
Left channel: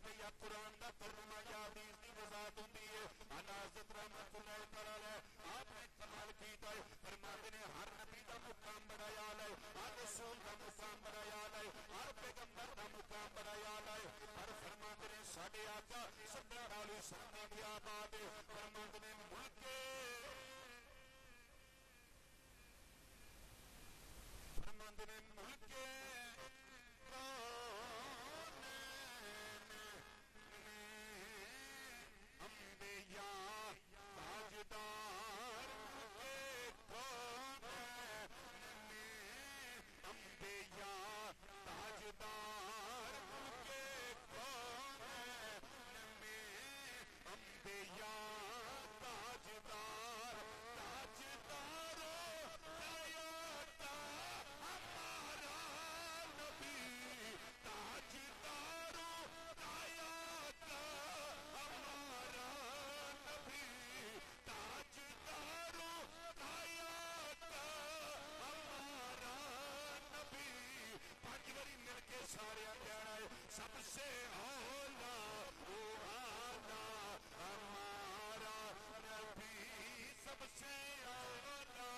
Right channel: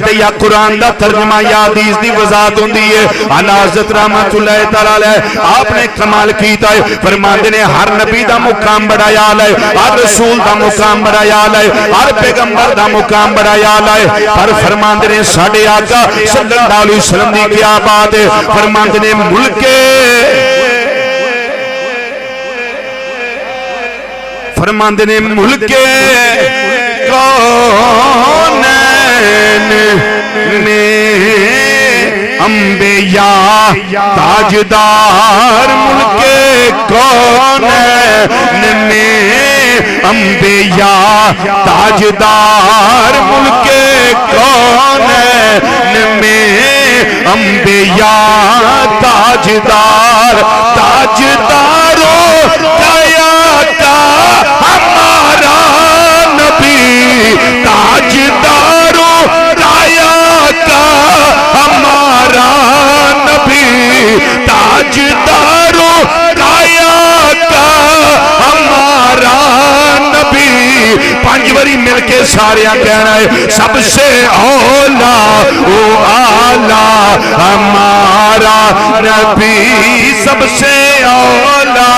تے یا قرآن دا ترجمہ یا حدیث دی وضاحت ہوندی ہے. اعلی حضرت رحمت اللہ تعالی علیہ آپ نے کمال کیتا ہے. فرماندے نے ہر نبی دا مقام بڑا یال ہے, ہر رسول دا مقام بڑا یال ہے, ہر پیغمبر دا مقام بڑا یال ہے. پر فرماندے نے ساڈے آقا صلی اللہ علیہ وسلم دی کیا بات ہے. فرماندے نے ملک فرماندے نے ملک کونین میں انبیاء تاجدار, ملک کونین میں انبیاء تاجدار, ملک کونین میں انبیاء تاجدار. تاجدارو کیا کا ہمارا نبی, تاجدارو کیا کا ہمارا نبی, تاجدارو کیا وری مل کے سارے کہنا ہے سب سے اولا او آلہ ہمارا نبی سب سے اولا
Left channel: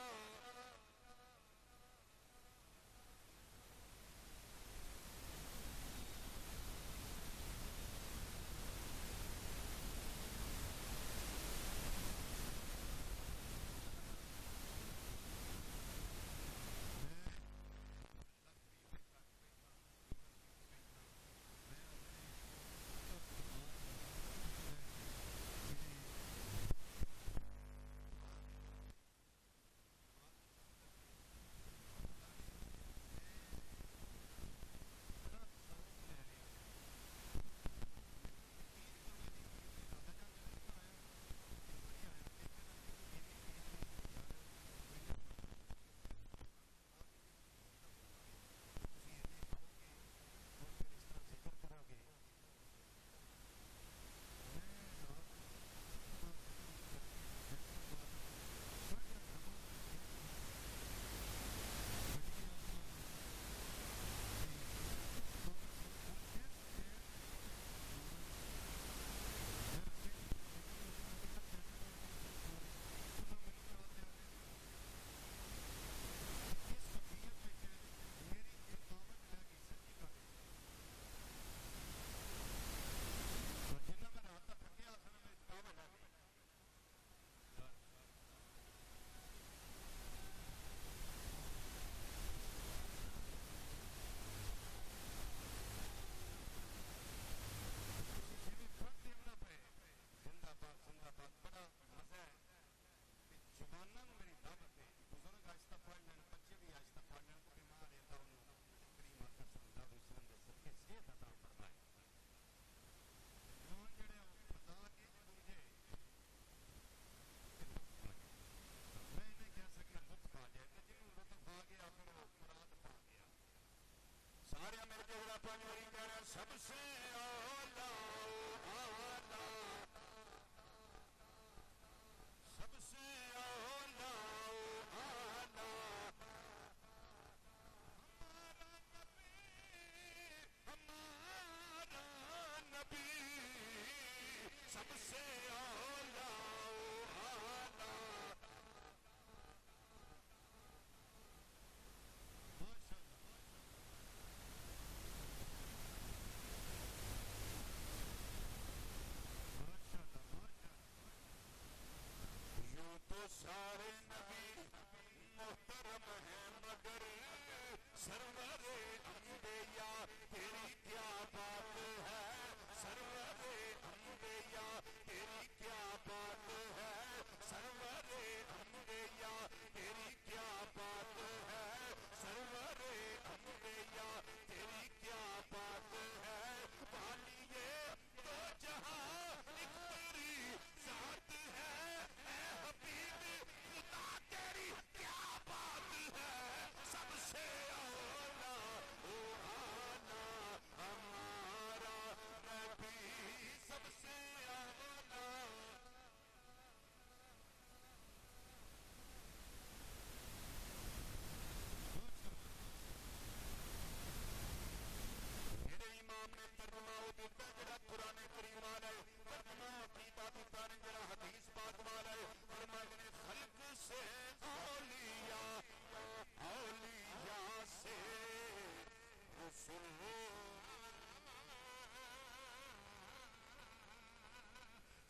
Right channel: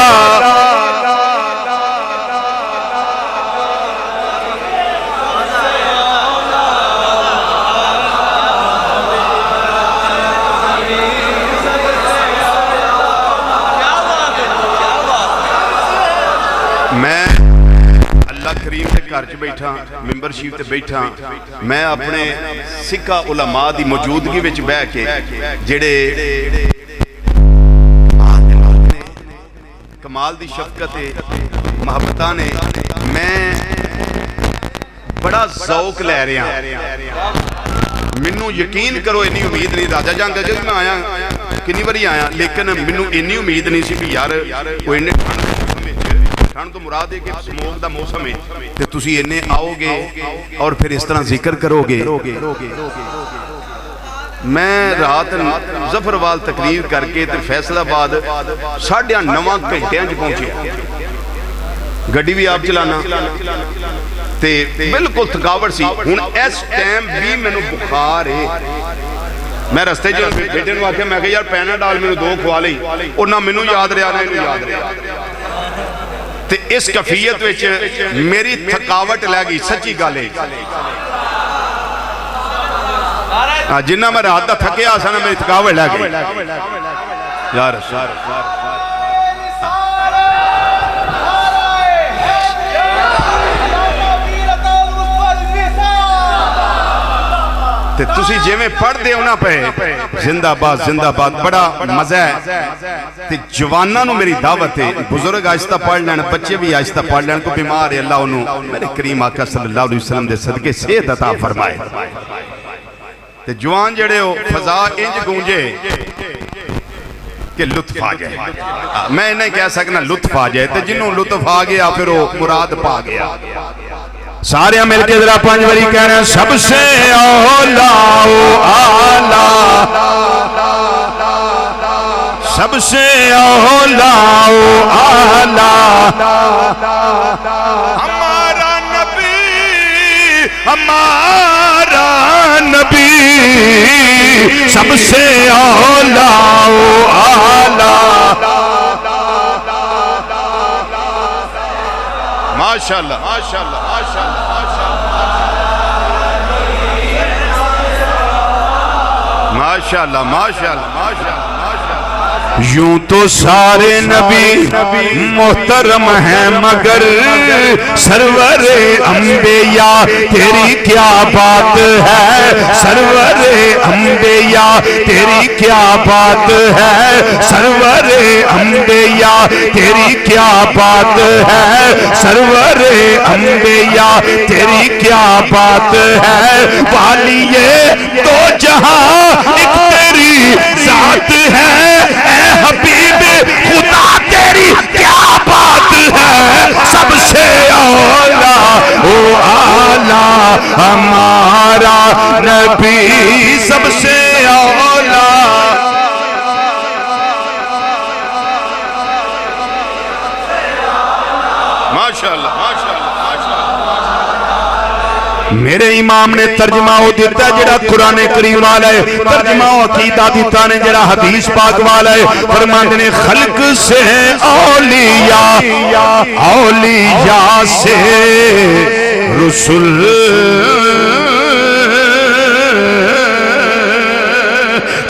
میں اللہ کریم کے گھر چ بیٹھا ممبر شریف تے بیٹھا میں اپنے سکھا علماء دی موجودگی وچ بیٹھ کے جڑے کمال دی شفقت محبتاں نے میں بڑا ذوق لے رہا مینوں یقین کرو انی امید نہیں راجہ جان جب میں آیا کنی باری آیا لیکن مینوں انی امید نہیں سی کہ یار کوئی نے ٹھنڈ تو مراد ہے کہ سموک دا موسم ہے تے تسی انہیں آؤ گے اور پھر اس طرح ذکر کرو گے میں رات ظفروال تقریر کر کے تے فیصل آباد 9:30 گھنٹیاں چ پہنچے گڈی بھی آپ چلانا تے بالکل تھکاوٹ سی ہن اس ٹائم بھی مینوں بخار ہے میں رستے جو بیٹے نوں آکھیا میں کہ یار پیناڈول مینوں 2 کھوا لئی اور نہ مینوں یاد رہیا نہ اینوں یاد رہیا تے اس کفیت وچ میری تھکاوٹ لے گئی سچی گل ہے جنہ میں رات دا تھکیا آسا نا میری تھکاوٹ لے گئی یا رسول تے تسی جے میں پڑھ دے ہونا پہ زندہ باد بڑا مزہ ہے تے جوانہ نو میری دعوت ہے بزرگ آہستہ پڑھ لینا بچے بھی آہستہ پڑھ لینا کو بیمار ہے اللہ انہوں میرے کریم آقا صلی اللہ علیہ وسلم دے صدقے صحت عطا فرمائے تے جوان جڑے ہو فضا انج گونجے کہ لطف آ جائے میں نہیں کہہ سکنا لطف آ جائے تے جنہوں لطف آ گیا پھر وہ مراد پا گیا سارے مل کے ذرا 5 باری کہنا سب سے اولا او آلہ سب سے اولا او آلہ ہمارا نبی سب سے اولا او آلہ ماشاءاللہ ماشاءاللہ ماشاءاللہ ماشاءاللہ یوں تو سارے نبی محترم ہیں مگر سرور انبیاء تیری کیا بات ہے سرور انبیاء تیری کیا بات ہے سرور انبیاء تیری کیا بات ہے سرور انبیاء تیری کیا بات ہے والیے تو جہاں ایک تیری ذات ہے حبیب خدا تیری کیا بات ہے سب سے اولا او آلہ ہمارا نبی سب سے اولا ماشاءاللہ میرے امام نے ترجمہ ہو دیتا ہے جڑا قرآن کریم والا ہے ترجمہ ہو عقیدہ دیتا نے جڑا حدیث پاک والا ہے فرماتے نے خلق سے اولیاء سے رسول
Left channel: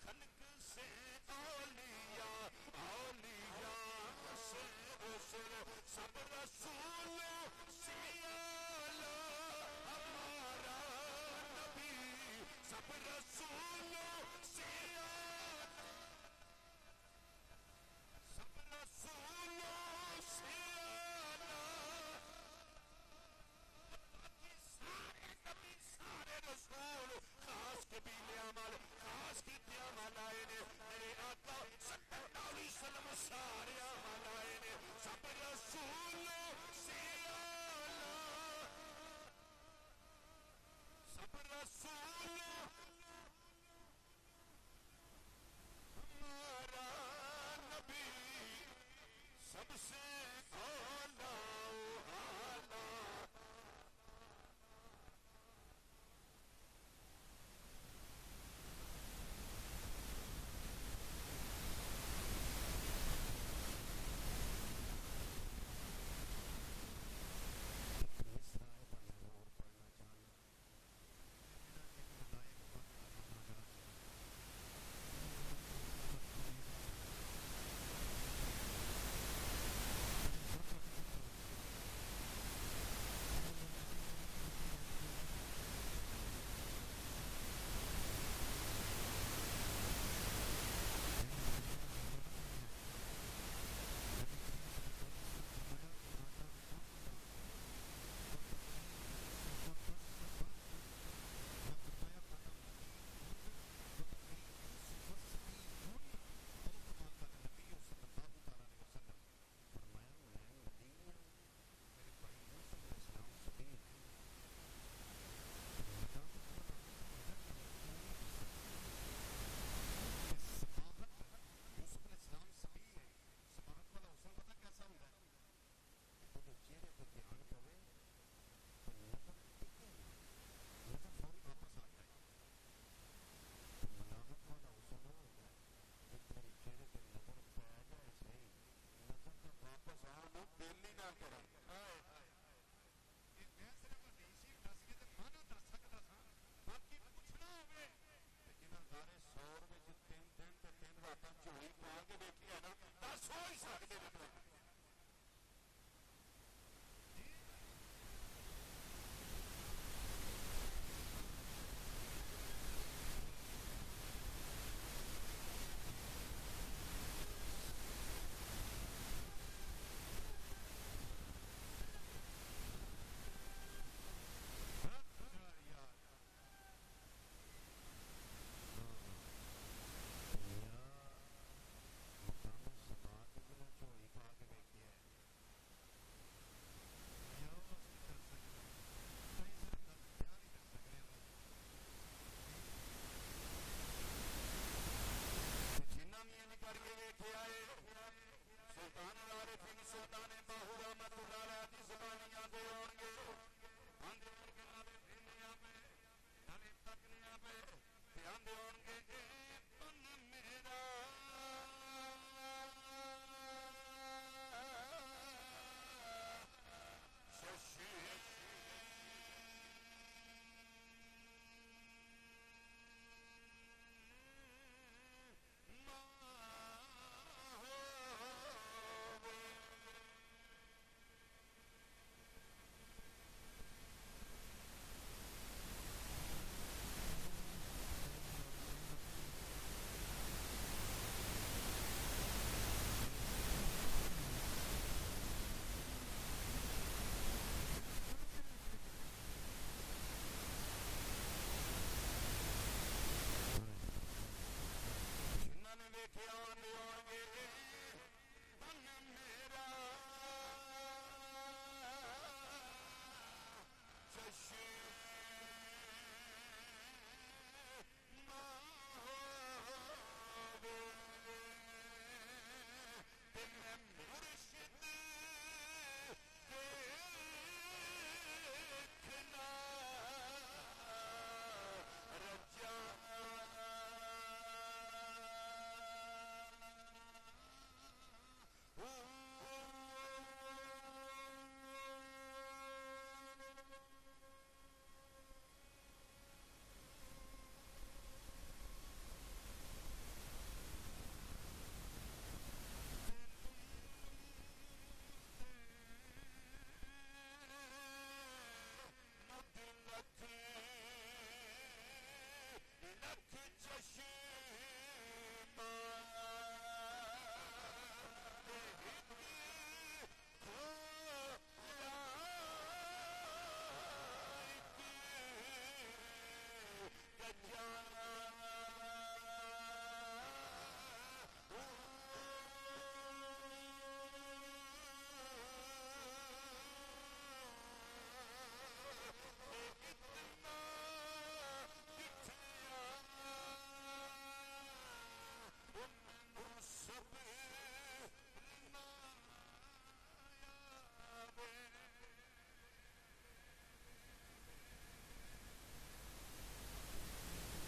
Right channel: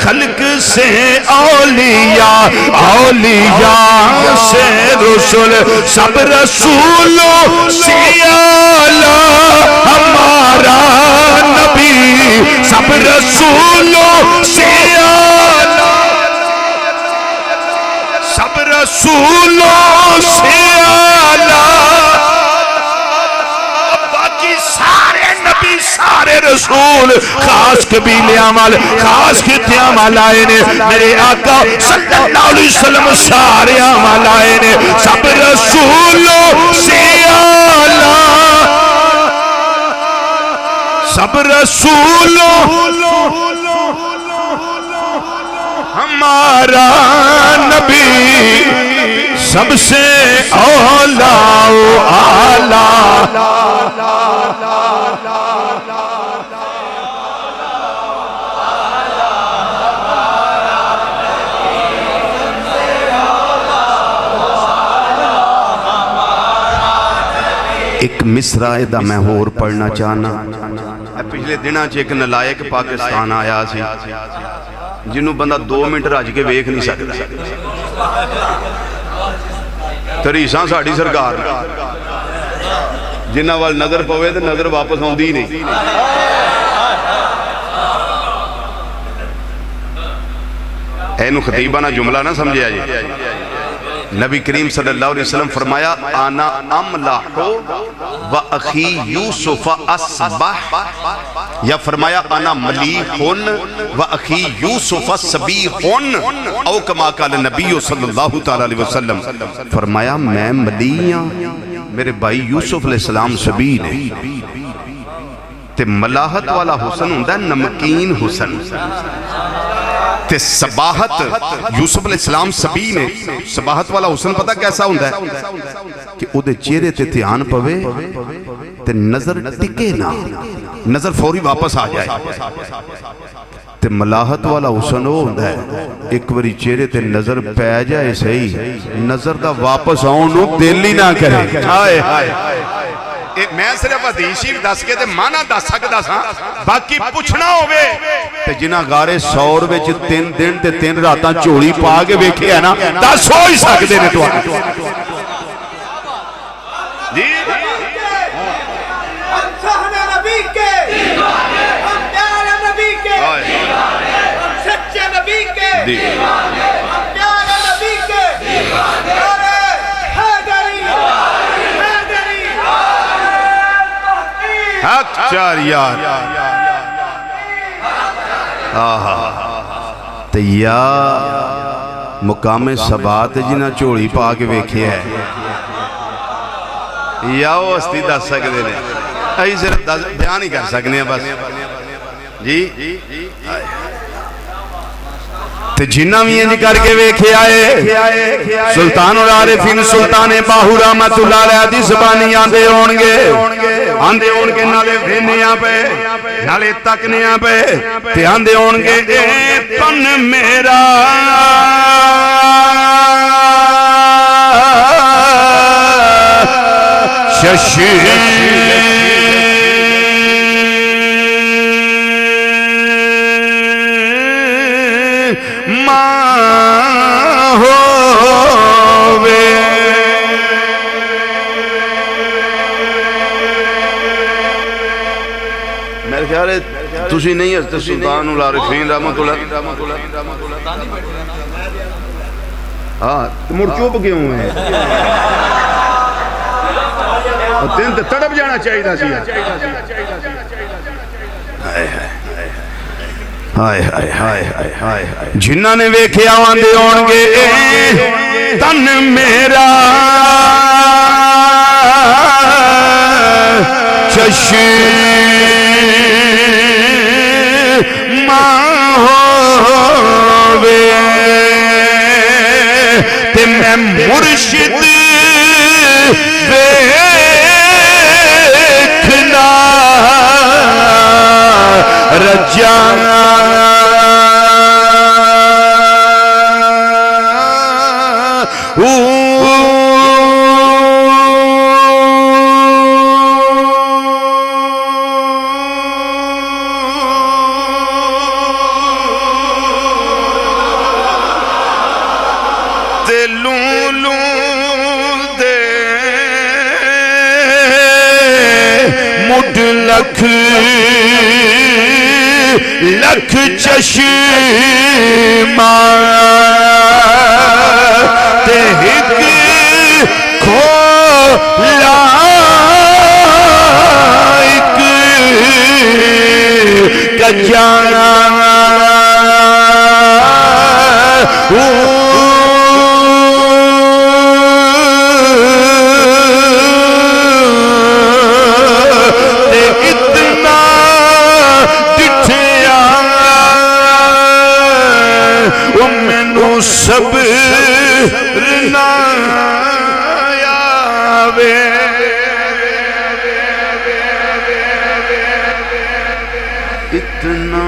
خلق سے اولیاء سے رسول سب رسولوں سے اعلیٰ ہمارا نبی سب رسولوں سے اعلیٰ سب رسولوں سے اعلیٰ باقی سارے نبی سارے رسول خاص قبیلیاں والے خاص خطیاں والائے نے میرے آقا صلی اللہ علیہ وسلم سارے والائے نے سب رسولوں سے اعلیٰ سب رسولوں ہمارا نبی سب سے اولا و اعلیٰ ایک مصرع دا میں ہور پڑھنا چاہنا. پچھلے دنوں ایک نلائق پاکستان آیا سی جنہوں بندہ 2 منٹ رج کے ویکھ نہیں سکتا. تریساں ساڑی سرکار جنہ وال نظر پوے تو نظر واپس آؤندی نہیں. اینو خطیبانہ جملہ نہ سمجھے آجی. نبی کریم صلی اللہ علیہ وسلم فرمایا آنا املح و اخی یوسف اصبح، یا فرمایا آنا ملیحن و اخی یوسف سبیحن، او کما قال نبی صلی اللہ تعالیٰ علیہ وسلم. فرمایا میں ملیحاں، میرے بھائی یوسف علیہ السلام سبی نے. تے ملاحت والا حسن ہوندہ ہے نمکین حسن، تے سباحت یوسف علیہ السلام سبی نے. سباحت والا حسن پتہ کیسا ہوندہ ہے کہ او دے چہرے تے دھیان پوے تے نظر ٹکے نہ، نظر فوری واپس آ جائے. تے ملاحت والا حسن ہو ہوندہ ہے ایک بری چہرے تے نظر پہ جائے صحیح، نظر دا واپس آؤنو دل ہی نہ کرے. آئے میں صرف حدیث ہی دس کے تے مانا دس سکتا سا، باقی پوچھنا ہوئے تے جنہ غارے سور وچ 3 دن تے 3 راتاں چوڑی پا کے ویکھے ہے نا، دس ہو ہی سکتے نے تو جی سہنے نبی کے، ہم پیارے نبی کے، سچے نبی کے، ہم پیارے نبی کے، حق چاریات تے یا مقام ثبات جنہ چوڑی پا کے ویکھے ہے یا وہ ہستی دس سکتے نے. ایسی صرف بیان ہی کر سکنے ہیں بس جی. تے جنہ بھی انج کر کے ویکھے آئے سلطان العارفین سلطان باہو رحمت اللہ علیہ دی زبانی آندے ہونگے نالے بھینیاں پہ نالے تکنیاں پہ تے آندے ہونگے اے پن میرا ششی تُسی نہیں ہے سلطان العارفین رحمت اللہ. ہاں مڑ چوپ کیوں ہیں دن تے تڑپ جانا چاہیے دا سیا. جنہ نے ویکھے آوندے ہونگے تن میرا چشم مرشد ویکھنا رجانا لکھ چشمہ تے ہک کھولا ایک کجانا اتنا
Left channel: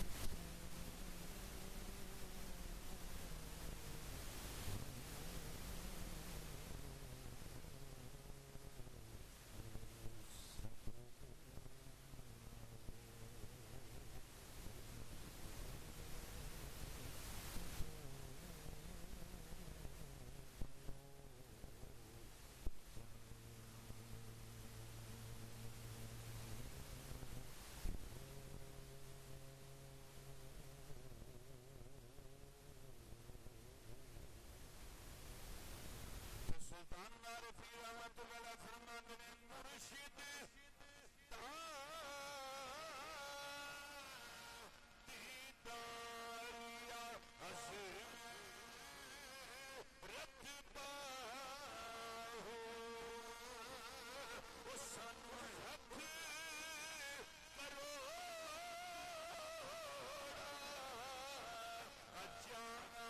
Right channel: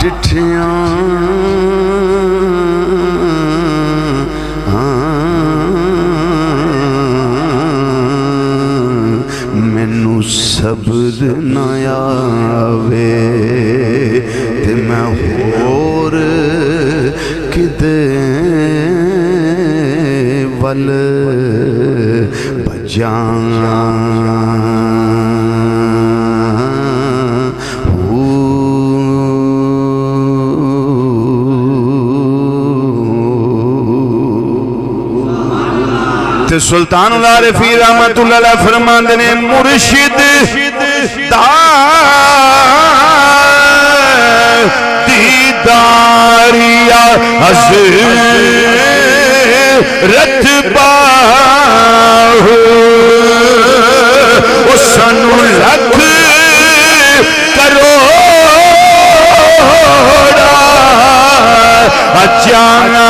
ڈٹھیاں صبر نہ آوے تے میں ہور کدے ول بجاں سلطان العارفین رحمت اللہ علیہ فرماندے نے مرشد دا دیداریا حضرت باہو او سنو لکھ کروڑا اجانا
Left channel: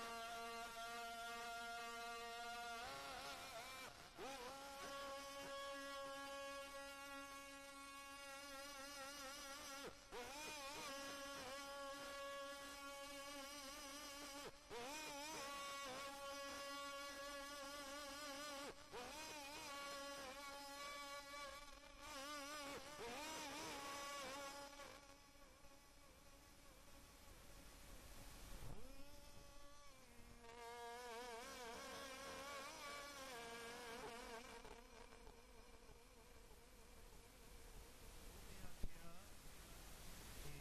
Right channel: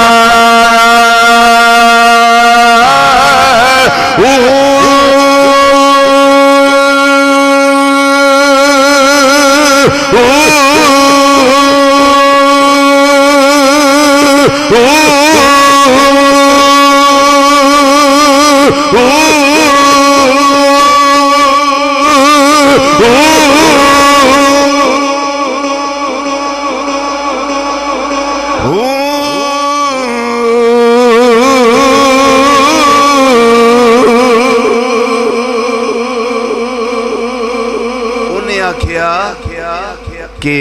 کہ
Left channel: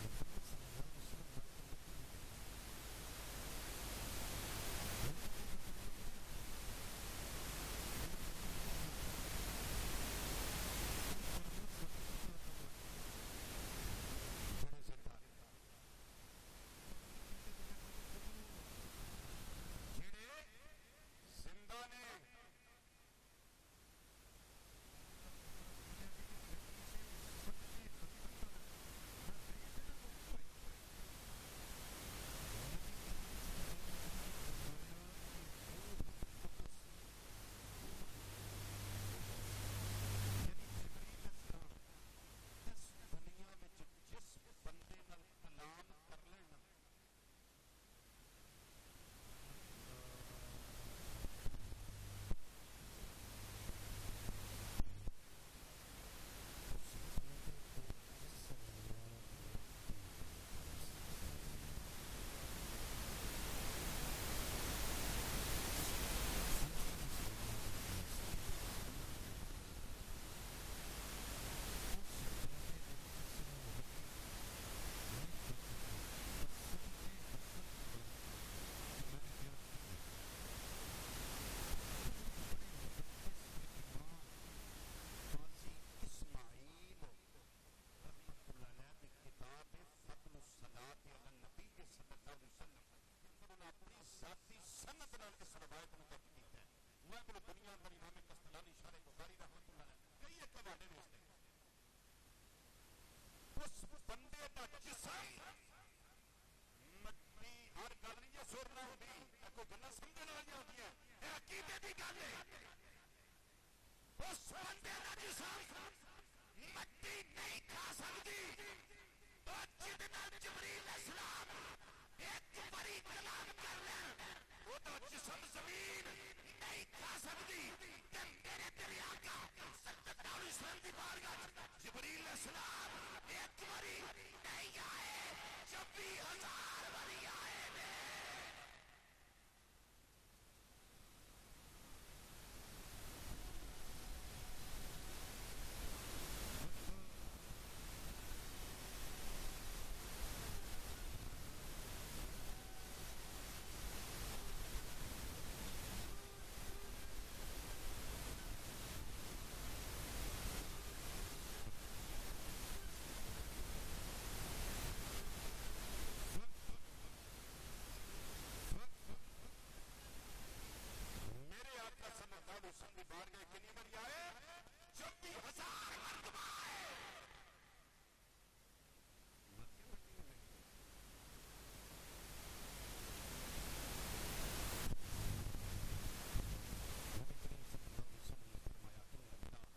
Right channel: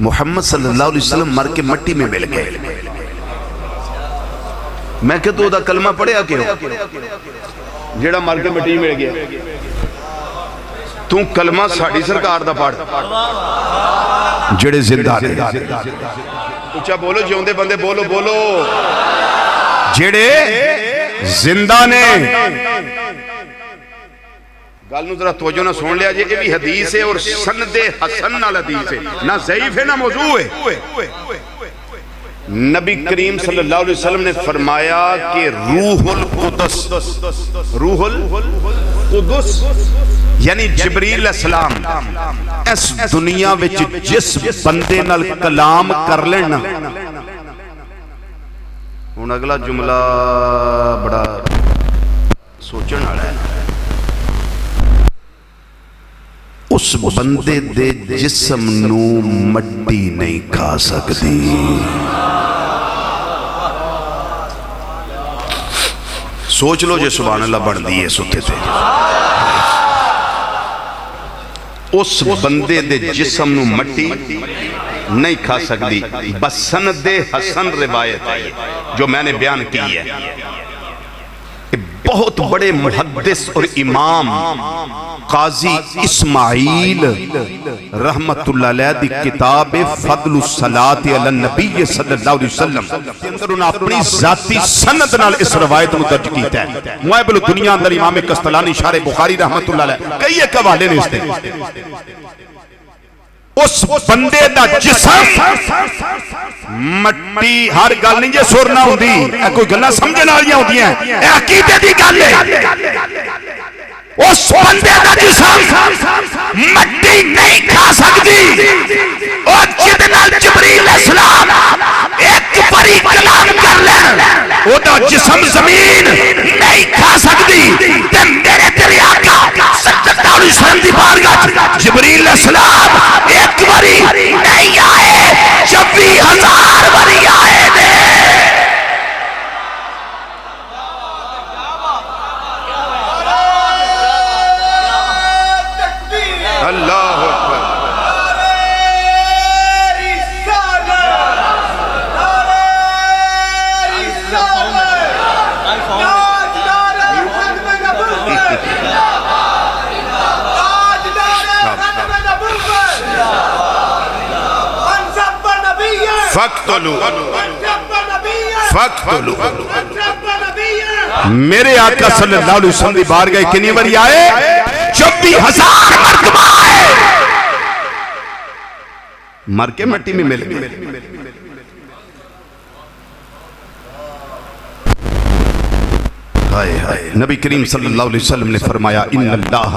محمد صلی اللہ علیہ وسلم مر کے مٹی میں مل گئے. میں کہ تو دا کلمہ پڑھیا کہ ہو جیڑا مر کے مٹی میں مل گیا. تو کلمہ ساڑھی سرکار دا پڑھ جڑے زندہ نے. اچھا بولو جیوندے بندے بولو بولو جڑے زندہ نے. گالنو ذرا توجہ نہ سن لیا جی. یہ بھی حدیث ہے اور سند حسن نال حدیث ہے, نہ ضعیف ہے نہ موضوع ہے. نبی کریم صلی اللہ علیہ وسلم نے فرمایا کہ روح القدس, روح القدس یعنی جبریل السلام اس دنیا وچ جس بندے نال کلام کر لینا. ہن اگلا جملہ بڑا سوچن والا ہے. اس بندے دے جسم نو مٹی نہیں کھا سکتی. سوچ لو جے سبحان اللہ بڑھ دیئے ستے تھے. اس بندے دے جسم نو مٹی نہیں کھا سکتی. بس سند حسن روایت ہے جو میں نے بیان کی ہے. بہت بڑے محدث اور امام قاضی اسماعیل رحمت اللہ علیہ دی کتاب فضل الصلاة علی النبی صلی اللہ علیہ وسلم اندر انہوں اپنی ذاتی سند نال اس روایت میں درج کیتا ہے. معیب الدنیا اندر امام قسطلانی شارح بخاری رحمت اللہ علیہ کئی ایک حوالے نے اس دے. اس بندے دا جسم مٹی ہر گل نہیں جے سر نہ ہوندی, کوئی گلاں سمجھن والیاں ہوندیاں, اے عقیدے دی گل ہے. اس بندے دا جسم مٹی نہیں کھا سکتی. اور جد نال جبریل السلام ایک باری کلام کر لیں او دا جسم زمین نہیں کھا سکتی. تے میرے تیرے آقا صلی اللہ علیہ وسلم دی بارگاہ جبریل السلام ایک باری نہیں آئے, 26,000 باری آئے دے. اللہ اکبر. فقتلو میرے آقا صلی اللہ علیہ وسلم دی بارگاہ کنی باری آئے, 26,000 مرتبہ آئے. مر کے مٹی میں مل گئے. نبی کریم صلی اللہ علیہ وسلم نے فرمایا ان اللہ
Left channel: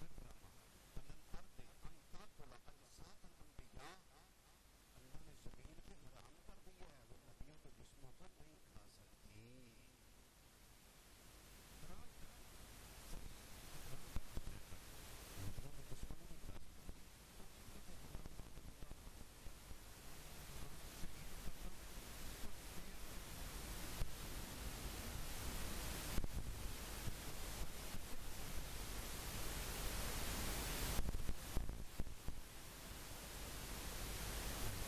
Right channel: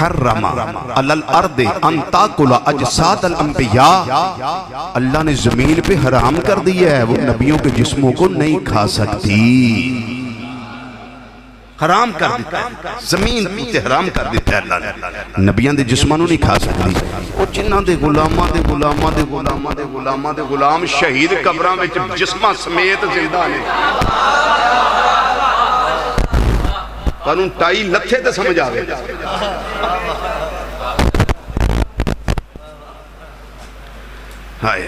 حرم علی الارض ان تاکل اجساد الانبیاء. اللہ نے زمین پہ حرام کر دیا ہے وہ نبیوں کے جسموں کو نہیں کھا سکتی. حرام کر دیتا ہے زمین تے حرام کر دیتا ہے اللہ نے نبیان دے جسمانوں نہیں کھا سکتی وہ جنہاں دے غلاماں دے غلاماں دے غلاماں دے غلاماں دے غلام شہید قبراں وچ جسماں سمیت زندہ نے قانون ٹائی لتھے تے سمجھ آوے ہائے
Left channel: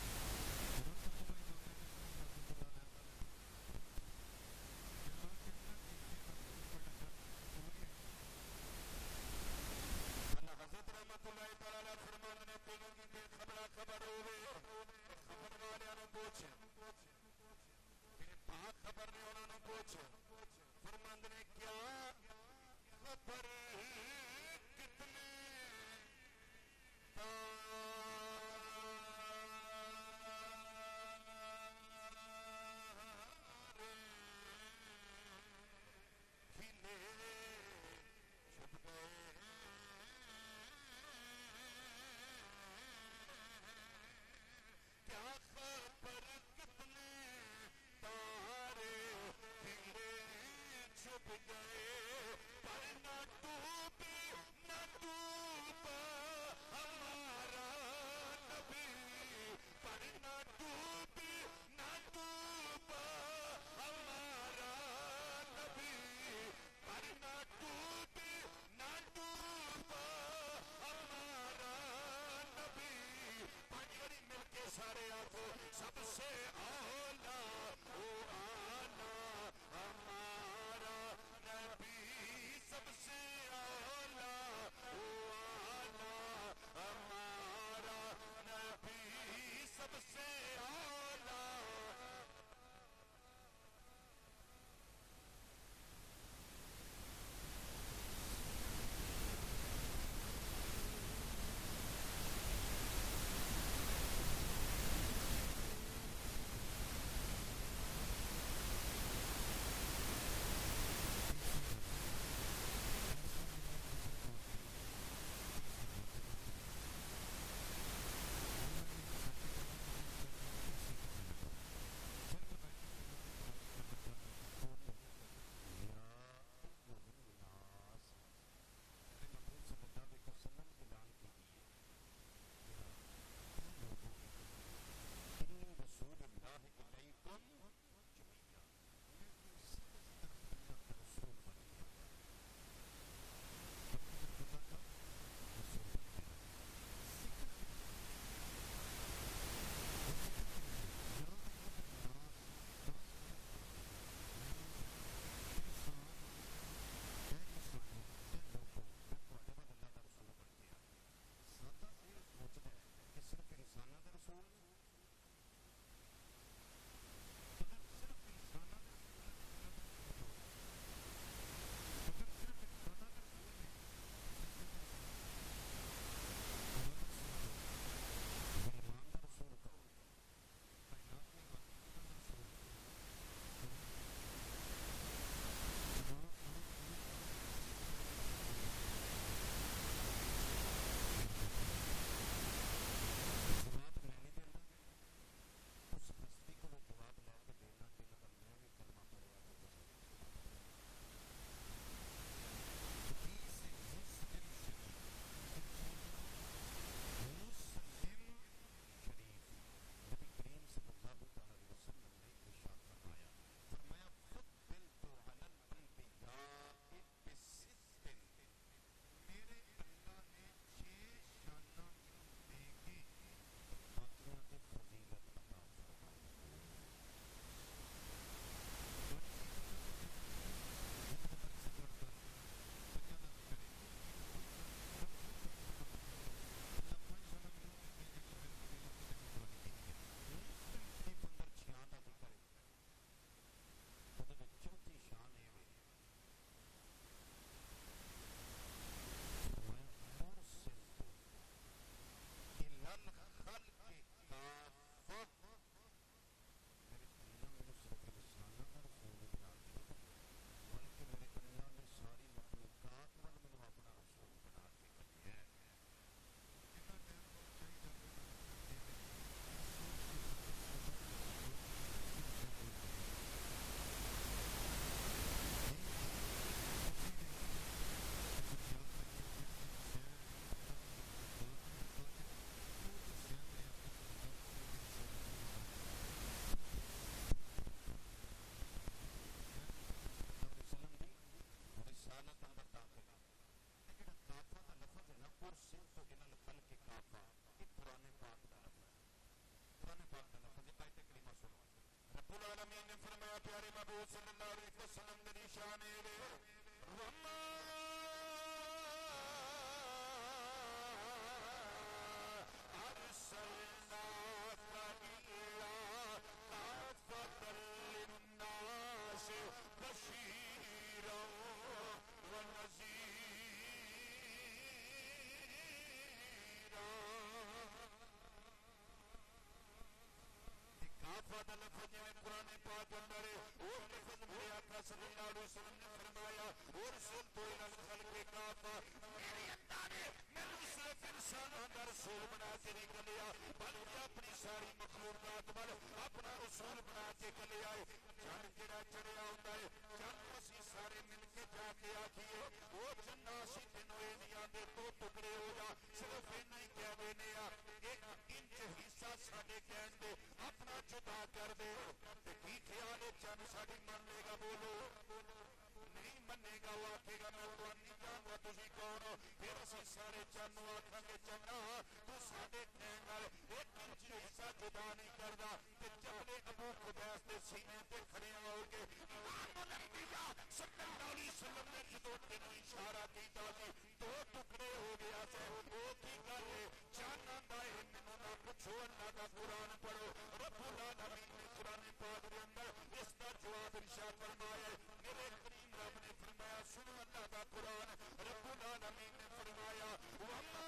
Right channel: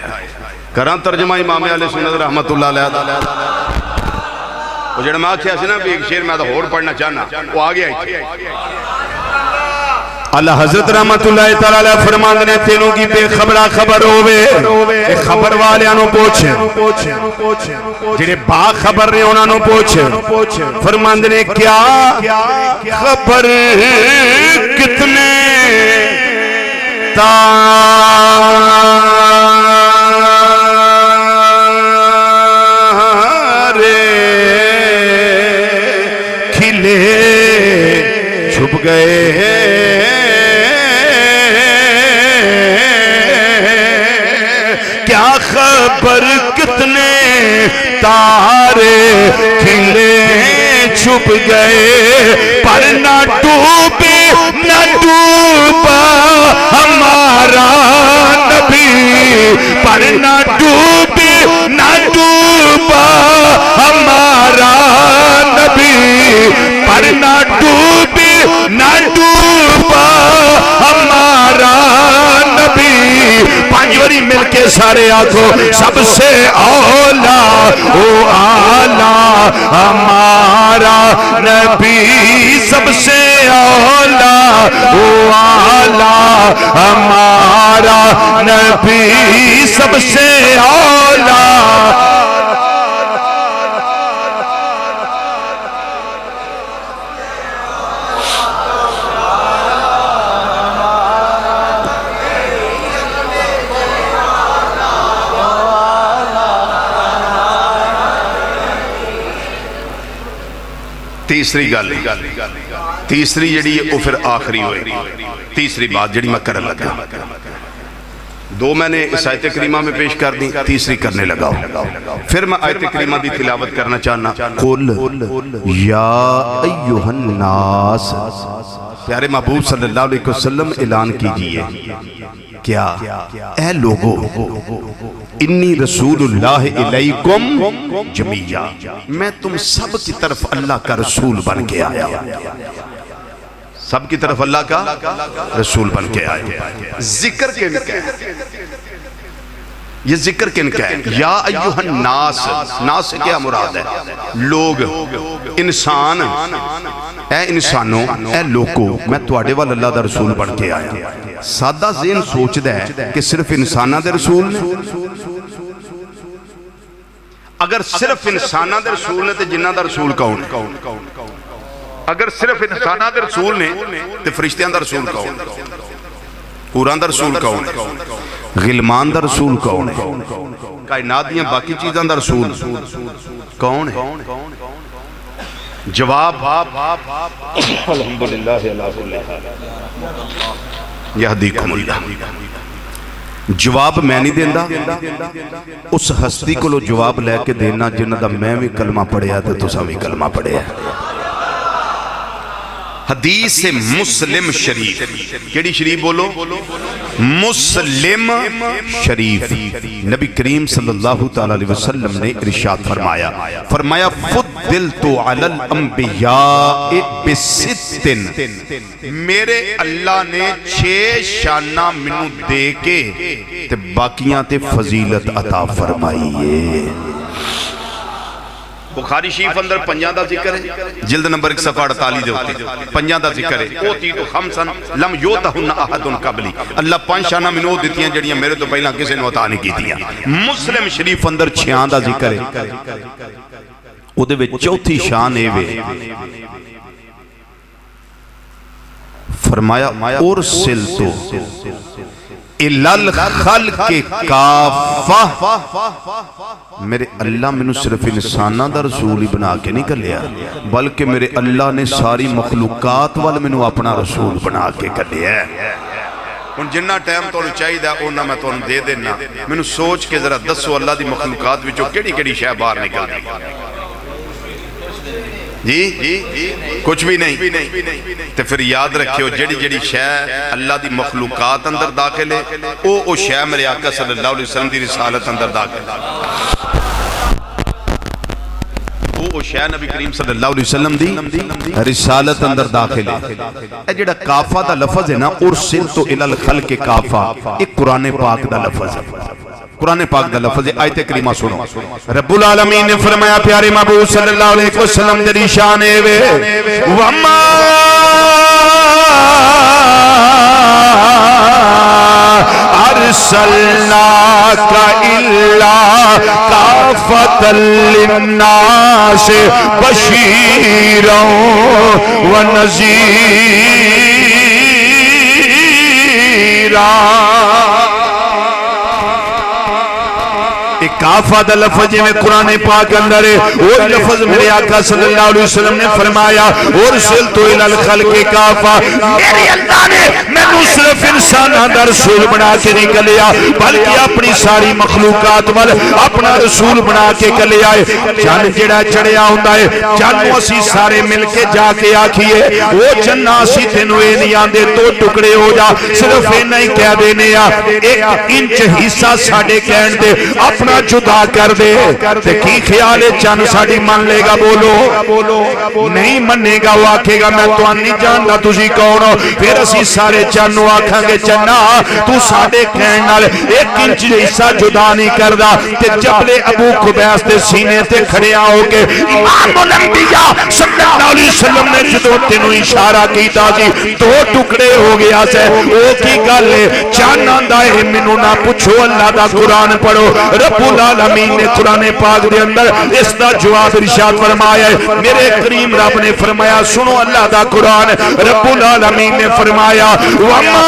کراں ترجمہ امام علیہ سنت رحمت اللہ علیہ وہ جڑا ماں کیا سی نا بھی ایک شیر میں تو اور پڑھنا چاہنا وہ آگے آئی تھی اللہ حضرت رحمت اللہ تعالیٰ فرمان نے تینوں کی بے خبرہ خبر ہوئے خبر والے آنوں پوچھیں جنہیں با خبر رہے انہوں پوچھیں فرمان نے کیا خبر کتنے تارے کھلے چھپ گئے خبر کتنے تارے کھلے چھپ گئے پر نہ ڈوبے نہ ڈوبا ہمارا نبی پر نہ ڈوبے نہ ڈوبا ہمارا نبی پر نہ ڈوبے نہ ڈوبا ہمارا نبی پانچوری مل کے سارے آنکھوں سب سے اولا او آلہ ہمارا نبی سب سے اولا او آلہ ہمارا نبی سب سے اولا تیسری گل تیسری جڑی ہے وہ پھر آخری ہوئے تیسری بات جڑی میں کرنے لگا دو میں نے اس آیت کریمہ میں پیش کر دی تیسری کرنے لگا پھر میں آیت کریمہ دی تلاوت کرنا چاہنا قل یا ایوہ الناس پیارے محبوب صلی اللہ علیہ وسلم اعلان کیجئے کیا اے لوگو انی رسول اللہ علیکم جمیعہ میں تم سب کی طرف اللہ کا رسول بن کے آیا سب کی طرف اللہ کا رسول بن کے آیا ذکر کن کا ہے یہ ذکر کن کا ہے یا ایوہ الناس ناس سے کیا مراد ہے لوگ انسان اے انسانوں اے لوگوں میں تواڈے وال اللہ دا رسول بن کے آیا سادہ ذہن سوچ دے کہ صرف انسانہ دے رسول نے اگر صرف انسانہ دے رسول نے تو جنہ دا رسول کون اگر صرف انسانہ دے رسول نے تو فرشتیاں دا رسول کون قرآن دا رسول کون غلمان دا رسول کون کائنات دیاں باقی چیزاں دا رسول کون ہے جواب الحمدللہ یہدیکم اللہ جواب میں نہیں دیندہ اس ہستی کو لو جواب لے کے دینا جنہ دا میں بھی کلمہ پڑھیا تو تسا بھی کلمہ پڑھیا حدیث مسلم شریف کیڑی شریف بولو مسلم شریف نبی کریم صلی اللہ علیہ وسلم نے ارشاد فرمایا فضلت علی الانبیاء بستن میرے اللہ نے 6 شانہ منو دے کے تے باقیاں تے فضیلت عطا فرمائیے بخاری شریف اندر پنجاں دا ذکر ہے جلد نمبر 1 صفحہ 48 دے ہوتے پنجاں دا ذکر ہے اوتی تو خمسن لم یوتہن احدن قبلی اللہ 5 شانہ منو دیتی ہیں جڑیاں میرے تو پہلا کسی نے عطا نہیں کی دیا مسلم شریف اندر 6 دا ذکر ہے او دے وچ چوتھی شان اے وے فرمایا ارسلتو الالخلق کافہ میرے اللہ میں صرف انسانہ دا رسول ہی بنا کے نہیں کر لیا بلکہ میرے اللہ نے ساری مخلوقات والے میں اپنا رسول بنا کے کر لیا ہے ان جنہ ٹائم تو چاہی دا اونا میں تو دے دینا میں سوچ کے ذرا دسو اللہ دی مخلوقات وچوں کیڑی کیڑی شے باہر نکل دی جی کچھ بھی نہیں تے پھر یاد رکھیو جڑی جڑی شے اللہ دی مخلوقات اندر داخل ہے او شے میرے آقا صلی اللہ علیہ وسلم دی رسالت اندر داخل ہے او شے نبی کریم صلی اللہ علیہ وسلم دی رسالت اندر داخل ہے اے جڑا کافہ دا لفظ ہے نا ارسلت الی الخلق کافہ ایک قرآن پاک دا لفظ ہے قرآن پاک دا لفظ ہے آیت کریمہ سنو رب العالمین نے فرمایا پیارے محبوب صلی اللہ علیہ وسلم دی شان وے وما ارسلناک الا کافۃ للناس بشیرا ونذیرا کافہ دا لفظ میں قرآن پاک اندر ہے وہ لفظ میرے آقا صلی اللہ علیہ وسلم نے فرمایا ارسلت الی الخلق کافہ میرے اللہ نے میں صرف انسانہ دا رسول بنا کے نہیں کلیا بلکہ اپنی ساری مخلوقات وال اپنا رسول بنا کے کلیا ہے چند جڑا چڑیا ہوندہ ہے چند اسی سارے مل کے جا کے آکھئے وہ چند اسی تینوے نہیں آندے تو ٹکڑے ہو جا صرف نہیں کہہ دینے ایک انچ حصہ ساڑے کہن دے اپنا جدا کر دے تے کی خیال ہے چند ساڑی من لے گا بولو نہیں مننے گا وہ آکھے گا میں تو نہیں جانتا تُسی کون ہو پھر اسی سارے چنو آکھاں گے چنا تو ساڑے کہنال ایک انچ حصہ جدا نہیں کردہ تے جبل ابو قبیس تے سینے تے کھڑے آؤ کے امام الانبیاء صلی اللہ علیہ وسلم نے جدو تینوں اشارہ کیتا جی دو ٹکڑے ہو گیا سے او کی گالے چانا دائے منو نہ پوچھو اللہ دا قرآن پڑھو رب العالمین نے قرآن پاک دے اندر اس دا جواب ارشاد فرمایا ہے میرے کریم رب نے فرمایا سنو اللہ دا قرآن رب العالمین نے فرمایا وَمَا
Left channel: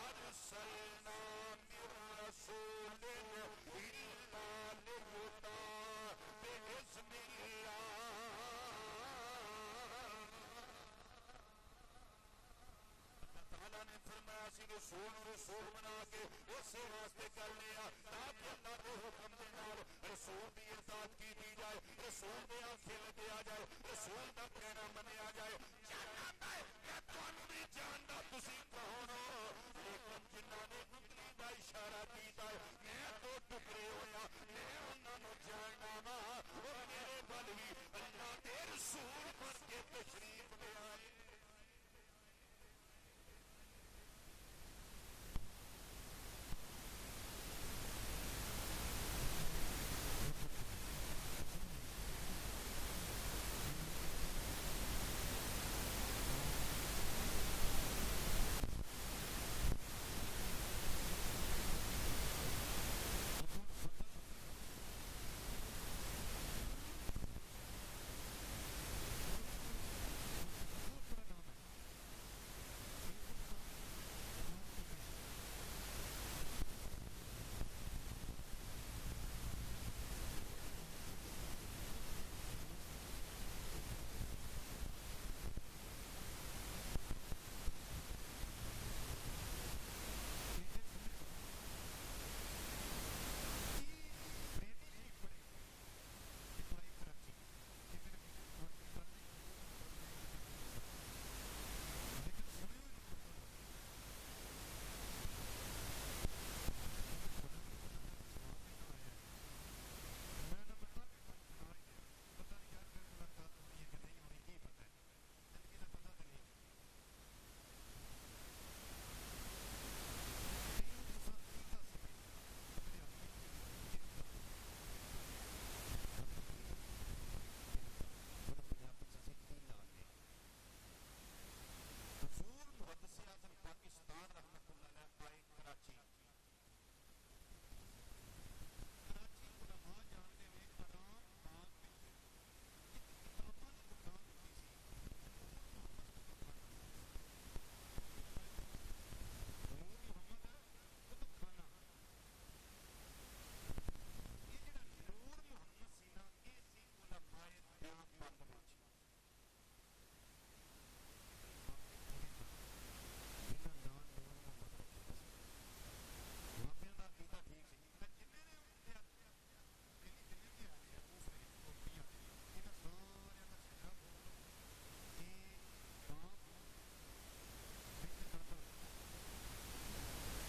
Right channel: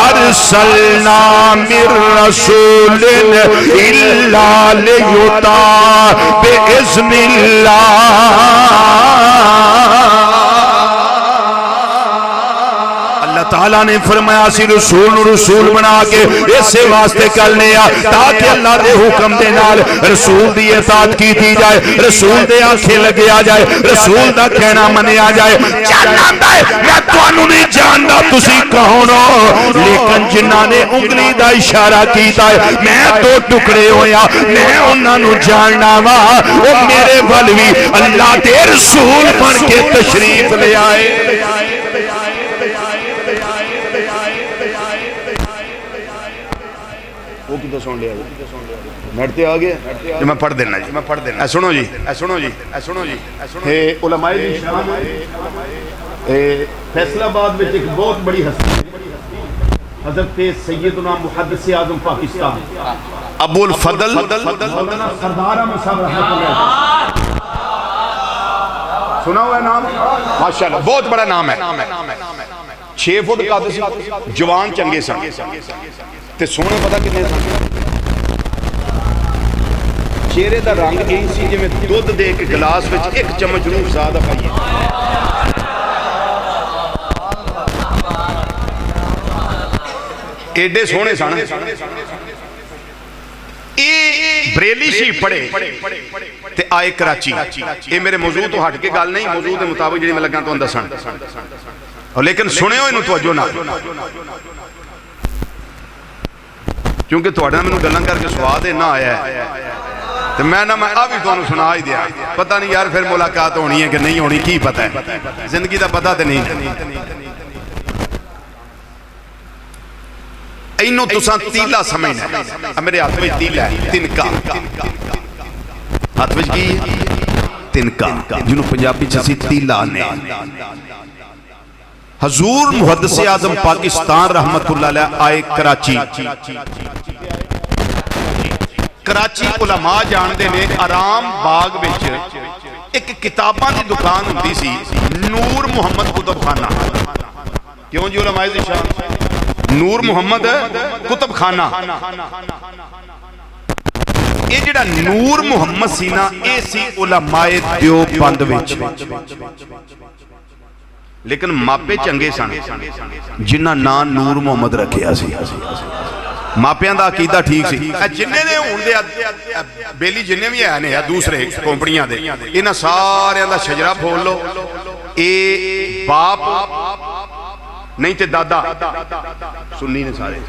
أَرْسَلْنَا مِن رَّسُولٍ إِلَّا لِيُطَاعَ بِإِذْنِ تعالیٰ نے فرمایا سی رسول بنا کے اسے واسطے کر لیا تاکہ اللہ دے حکم دے نال رسول دی اطاعت کی دی جائے رسول دے آنکھیں لگے آ جائے رسول دا کہنا منے آ جائے جاننا ہے میں توانو نہیں جاننا تسی کہونو لیکن جنہاں نے انگلی دا اشارہ کیتا ہے میں تو ٹکڑے ہویا میں انہاں نو جاننا وا وہ میرے ولوی اللہ دے رسول بن کے تشریف لے آئے سن لیا نیٹتے آگے جو میں پڑھ دینا جی اے سنو جی علماء شام فیصل آباد میں ایک بہت بڑی ہستی حضرت سیدنا محدث اعظم پاکستان ابو الفضل مولانا سردار احمد صاحب رحمۃ اللہ سنا ہوا ہے نام ماشاءاللہ بہت بڑا نام ہے 6 فٹ قادسی جوان چنگے سن تے سونے پتا کتنے سن چہرے دا رنگ یہی سی جی میں دودھ دے کے گلاس وچ ایک چمچ روح زیادہ پائیے ایڈے سونے سن بریلی شی پڑے تے آئے کراچی یہ میرے موضوع تو ہٹ کے گل نہیں موضوع دے مطابق جنہی میں لگا تو اندر سن لیکن سنے ہو انہوں توجہ نہ کیونکہ توڑا میں گلن کر کے سواد نہ آیا ہے تو میں ابھی تو سنا ہی دیا پتہ نہیں یار پھر ملاقات ہونی ہے کہ نہیں ہونی کی پتہ ہے زندگی دا پتہ تو نہیں اینو تساں تیلا سمجھنا میرے ہاتھ میں تیلا ہے تنکا ہاتھ میں کی تنکا جنہوں پنجابی چسی تیلا نے حضور محدث اعظم پاکستان رحمت اللہ علیہ آئے کراچی علماء جان دے نے آرام باغ بچ ایک کتاباں دی دکان ہوندی سی نور محمد کتب خانہ کیوں جی علماء دی شان نور محمد کتب خانہ یہ جڑا نور محمد سینا اے سی علماء دیوبند وچ لیکن ماپے چنگے سن جنہ نام نور محمد رکھیا سی ਮਾਪਿਆਂ ਦਾ ਅਕੀਦਾ ਠੀਕ ਸੀ। ਜਿੰਨੇ ਨੇ ਹੁਣ ਦੇ ਬੇਲੀ ਜਿੰਨੇ ਵੀ ਹੈ ਨੇ ਦੂਸਰੇ ਕੰਪਨੀਆਂ ਦੇ, ਇਹਨਾਂ ਸਾਰਿਆਂ ਦਾ ਸ਼ਜਰਾ ਫੋਲ ਲਓ। ਇਹ ਬਾਪ ਨਹੀਂ ਤੇ ਦਾਦਾ ਸੁੰਨੀ ਨੇ ਸਾਰੇ,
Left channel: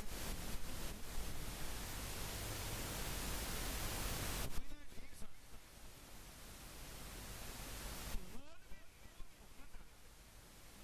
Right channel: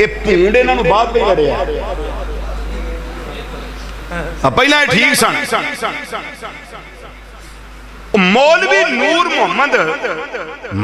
ਇਹ ਭੂੰਡ ਇਹਨਾਂ ਨੂੰ ਬਾਅਦ ਵਿੱਚ ਲੜਿਆ। ਪਹਿਲਾਂ ਇਹ ਠੀਕ ਸਨ। ਮੌਲਵੀ ਨੂਰ ਮੁਹੰਮਦ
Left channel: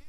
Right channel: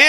ਇਹ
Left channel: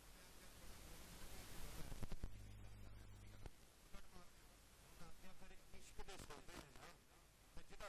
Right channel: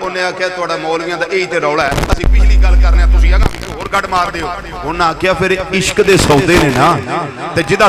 ਉਹਨੇ ਆਖਿਆ ਤੁਹਾਡਾ ਮੌਲਵੀਆਂ ਦਾ ਇਹੀ ਤੇ ਰੌਲਾ ਹੈ, ਅਸੀਂ ਪਿਛਲੀ ਗੱਲ ਕਰਨੇ ਆ, ਤੁਸੀਂ ਹੈਗਾ ਹੋਰ ਕੱਢ ਮਾਰਦੇ ਹੋ। ਉਹਨਾਂ ਆਖਿਆ ਫਿਰ ਇਸ਼ਕ ਦੇ ਸੌਦੇ ਨੇ ਨਾ, ਤੇ ਜਿਹਦਾ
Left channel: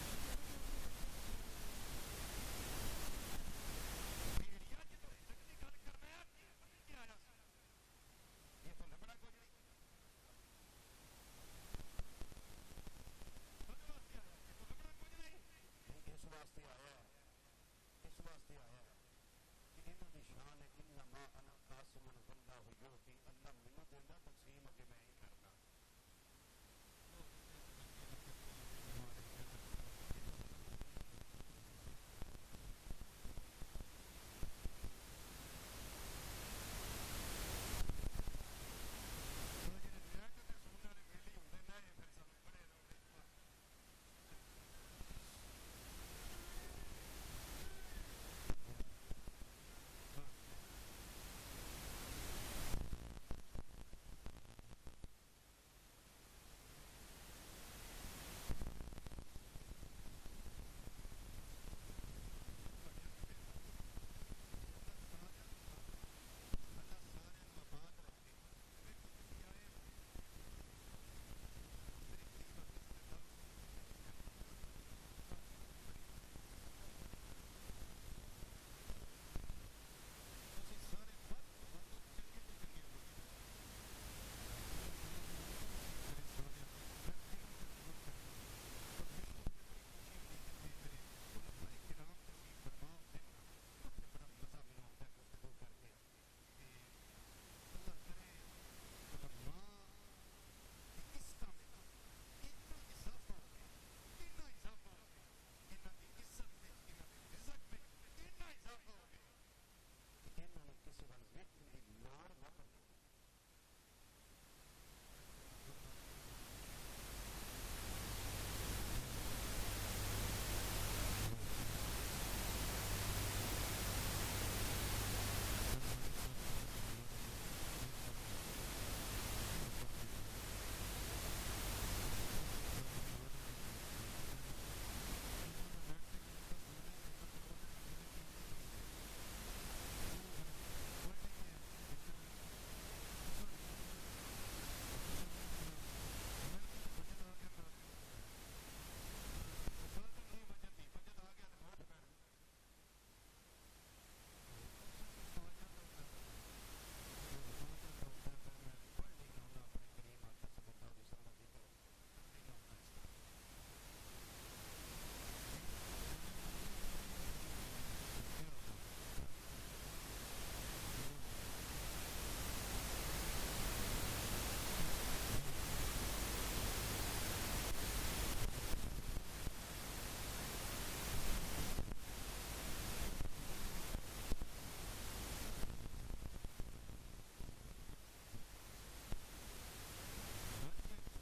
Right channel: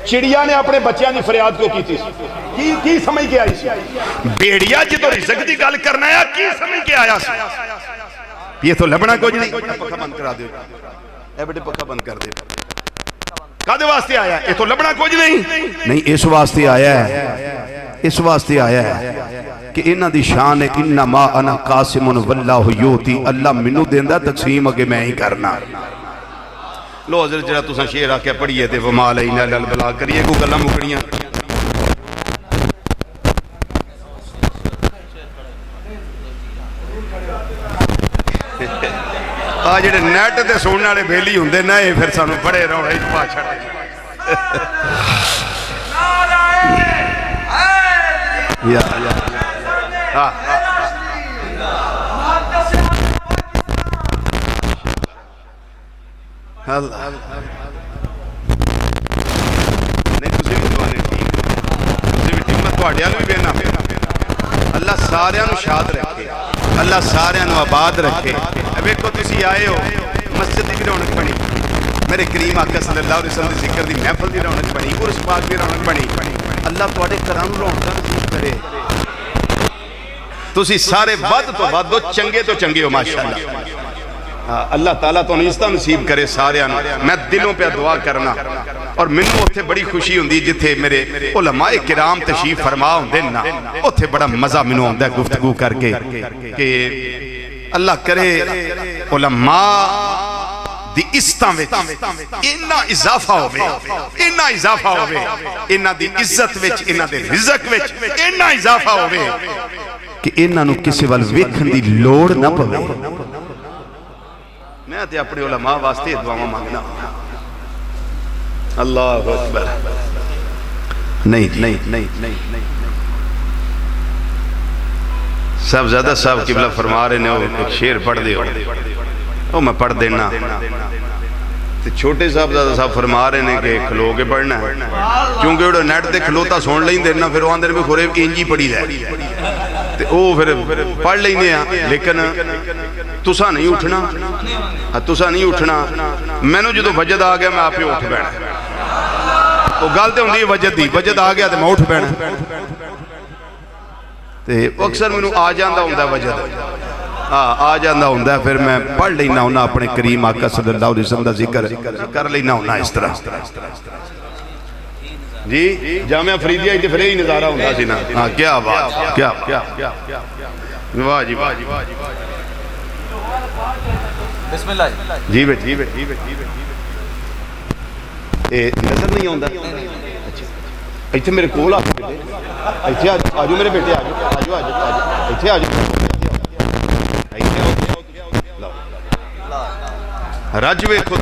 چڑیا نے اپنے بچیاں دی فریاد کو کی تھی کی سمجھ کے آئی سی بیڑیا جدو رزق دی گل کرنا ہے کی سمجھ کے آیا سی یہ تو لبنا کچھ نہیں پکا بند کرا دے اے بیٹے پکا بند کر دے کدے واسطے آیا ہے یہ تو لبنا کچھ نہیں اس واسطے آیا ہے اس واسطے آیا ہے کہ انہاں دی شان ہے انما انا قاسم واللہ یوتی اللہ منو دیندا تقسیم اگے میں ہی کرنا لو حضرت جڑا تساں شعر آکھیا پڑھیے تے وما علینا الا البلاغ کریے کو گلاں مکڑیاں آ جڑے نیٹ تے سنن والے بیلی ہوندے نا اے پھر سانوں بڑے روڑے وچ پا چھڑے یا ہاں اللہ نہیں تسی بھی دعا نہیں ٹھیک تسی بھی ٹھیک میں تواڈے نوں بھی بینا اللہ سارے نوں شاد رکھے اللہ سارے نوں آباد رکھے ویکھو تسی آئے ہو مسجد دی رونق بنی میرے کریم آقا صلی اللہ علیہ وسلم دی ذکر دی محفل دی رونق بنی عرس پاک دی رونق بنی اللہ تواڈے کرم رونقاں نصیب کرے تسی سارے ود تو ود چنگے تو چنگے ہو ماشاءاللہ اللہ تعالیٰ تو نعمتاں نصیب کرے سارے میں دلوں پہ دعا کرنا اور منو اتھے بڑی خوشی ہوندی جتھے میرے علماء کرام تشریف فرما ہوندے نا اتھے بڑا مزہ منو ہوندا ہے گفتگو کر کے کہ اللہ کرے علماء دی عزتاں وچ انہاں اضافہ ہوے انہاں اضافہ ہوے انہاں دی عزت وچ انہاں دے رزق وچ انہاں اضافہ ہوے کہ انہاں نوں کسے ول ویکھن دی لوڑ نہ پوے میں تے اپنے علماء واسطے دعاواں مانگنا اللہ اکبر نہیں صاحب زیادہ صاحب قبلہ فرما رہے نے ایک شعر پڑھ دے وہ میں پڑھ دینا چھوٹے صاحب زیادہ صاحب فرما رہے نے کہ کھلو کے پڑھنا ہے کیونکہ وہ نیٹ تے کھلوتا سون لیں دینا پھر وہ اندر میں خورے انجی پڑھی دے وہ پھر پڑھ لیں دے لیکن تسا نہیں اٹھنا میں نے جدو وجد آ گیا میں آپ ہی اٹھ بینا وہ گلتے ہوں دی وجد دی وجد آ گیا تو میں اٹھ بینا اکثر میں آ جاندہ ہوں دا وجد آ جاندہ ہوں دا پھر میں پڑھ لینا ہونا اپنے کریم آقا صلی اللہ علیہ وسلم دا ذکر کر لینا ہونا اس طرح جی جامعہ فریدیہ ہی پھر ہی نظارہ ہوں دا سینا کیا بات کیا واہ جی واہ بسم اللہ جی بیٹھ نظر نہیں ہوندہ ایتھے میرے کول ایتھے آجو میرے بیٹے آجو ایتھے آجو رج ویکھو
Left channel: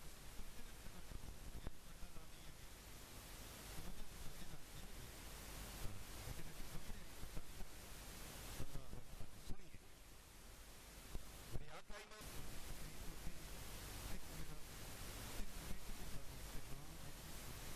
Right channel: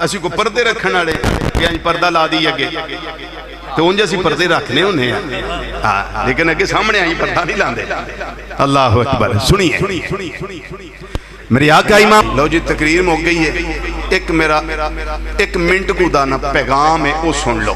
اسی کو پردے رکھن والے کہ انج پردہ لا دی اگے تو انج اسی پردے رکھنے ہونے ہیں لیکن اگے سامنے آئی پردہ نہیں لاندے اللہ اکبر سنیے میری آقا امام لو جی تقریر میں ہو گئی ہے ایک منٹ کو دانا پیغام ہے وہ سن لو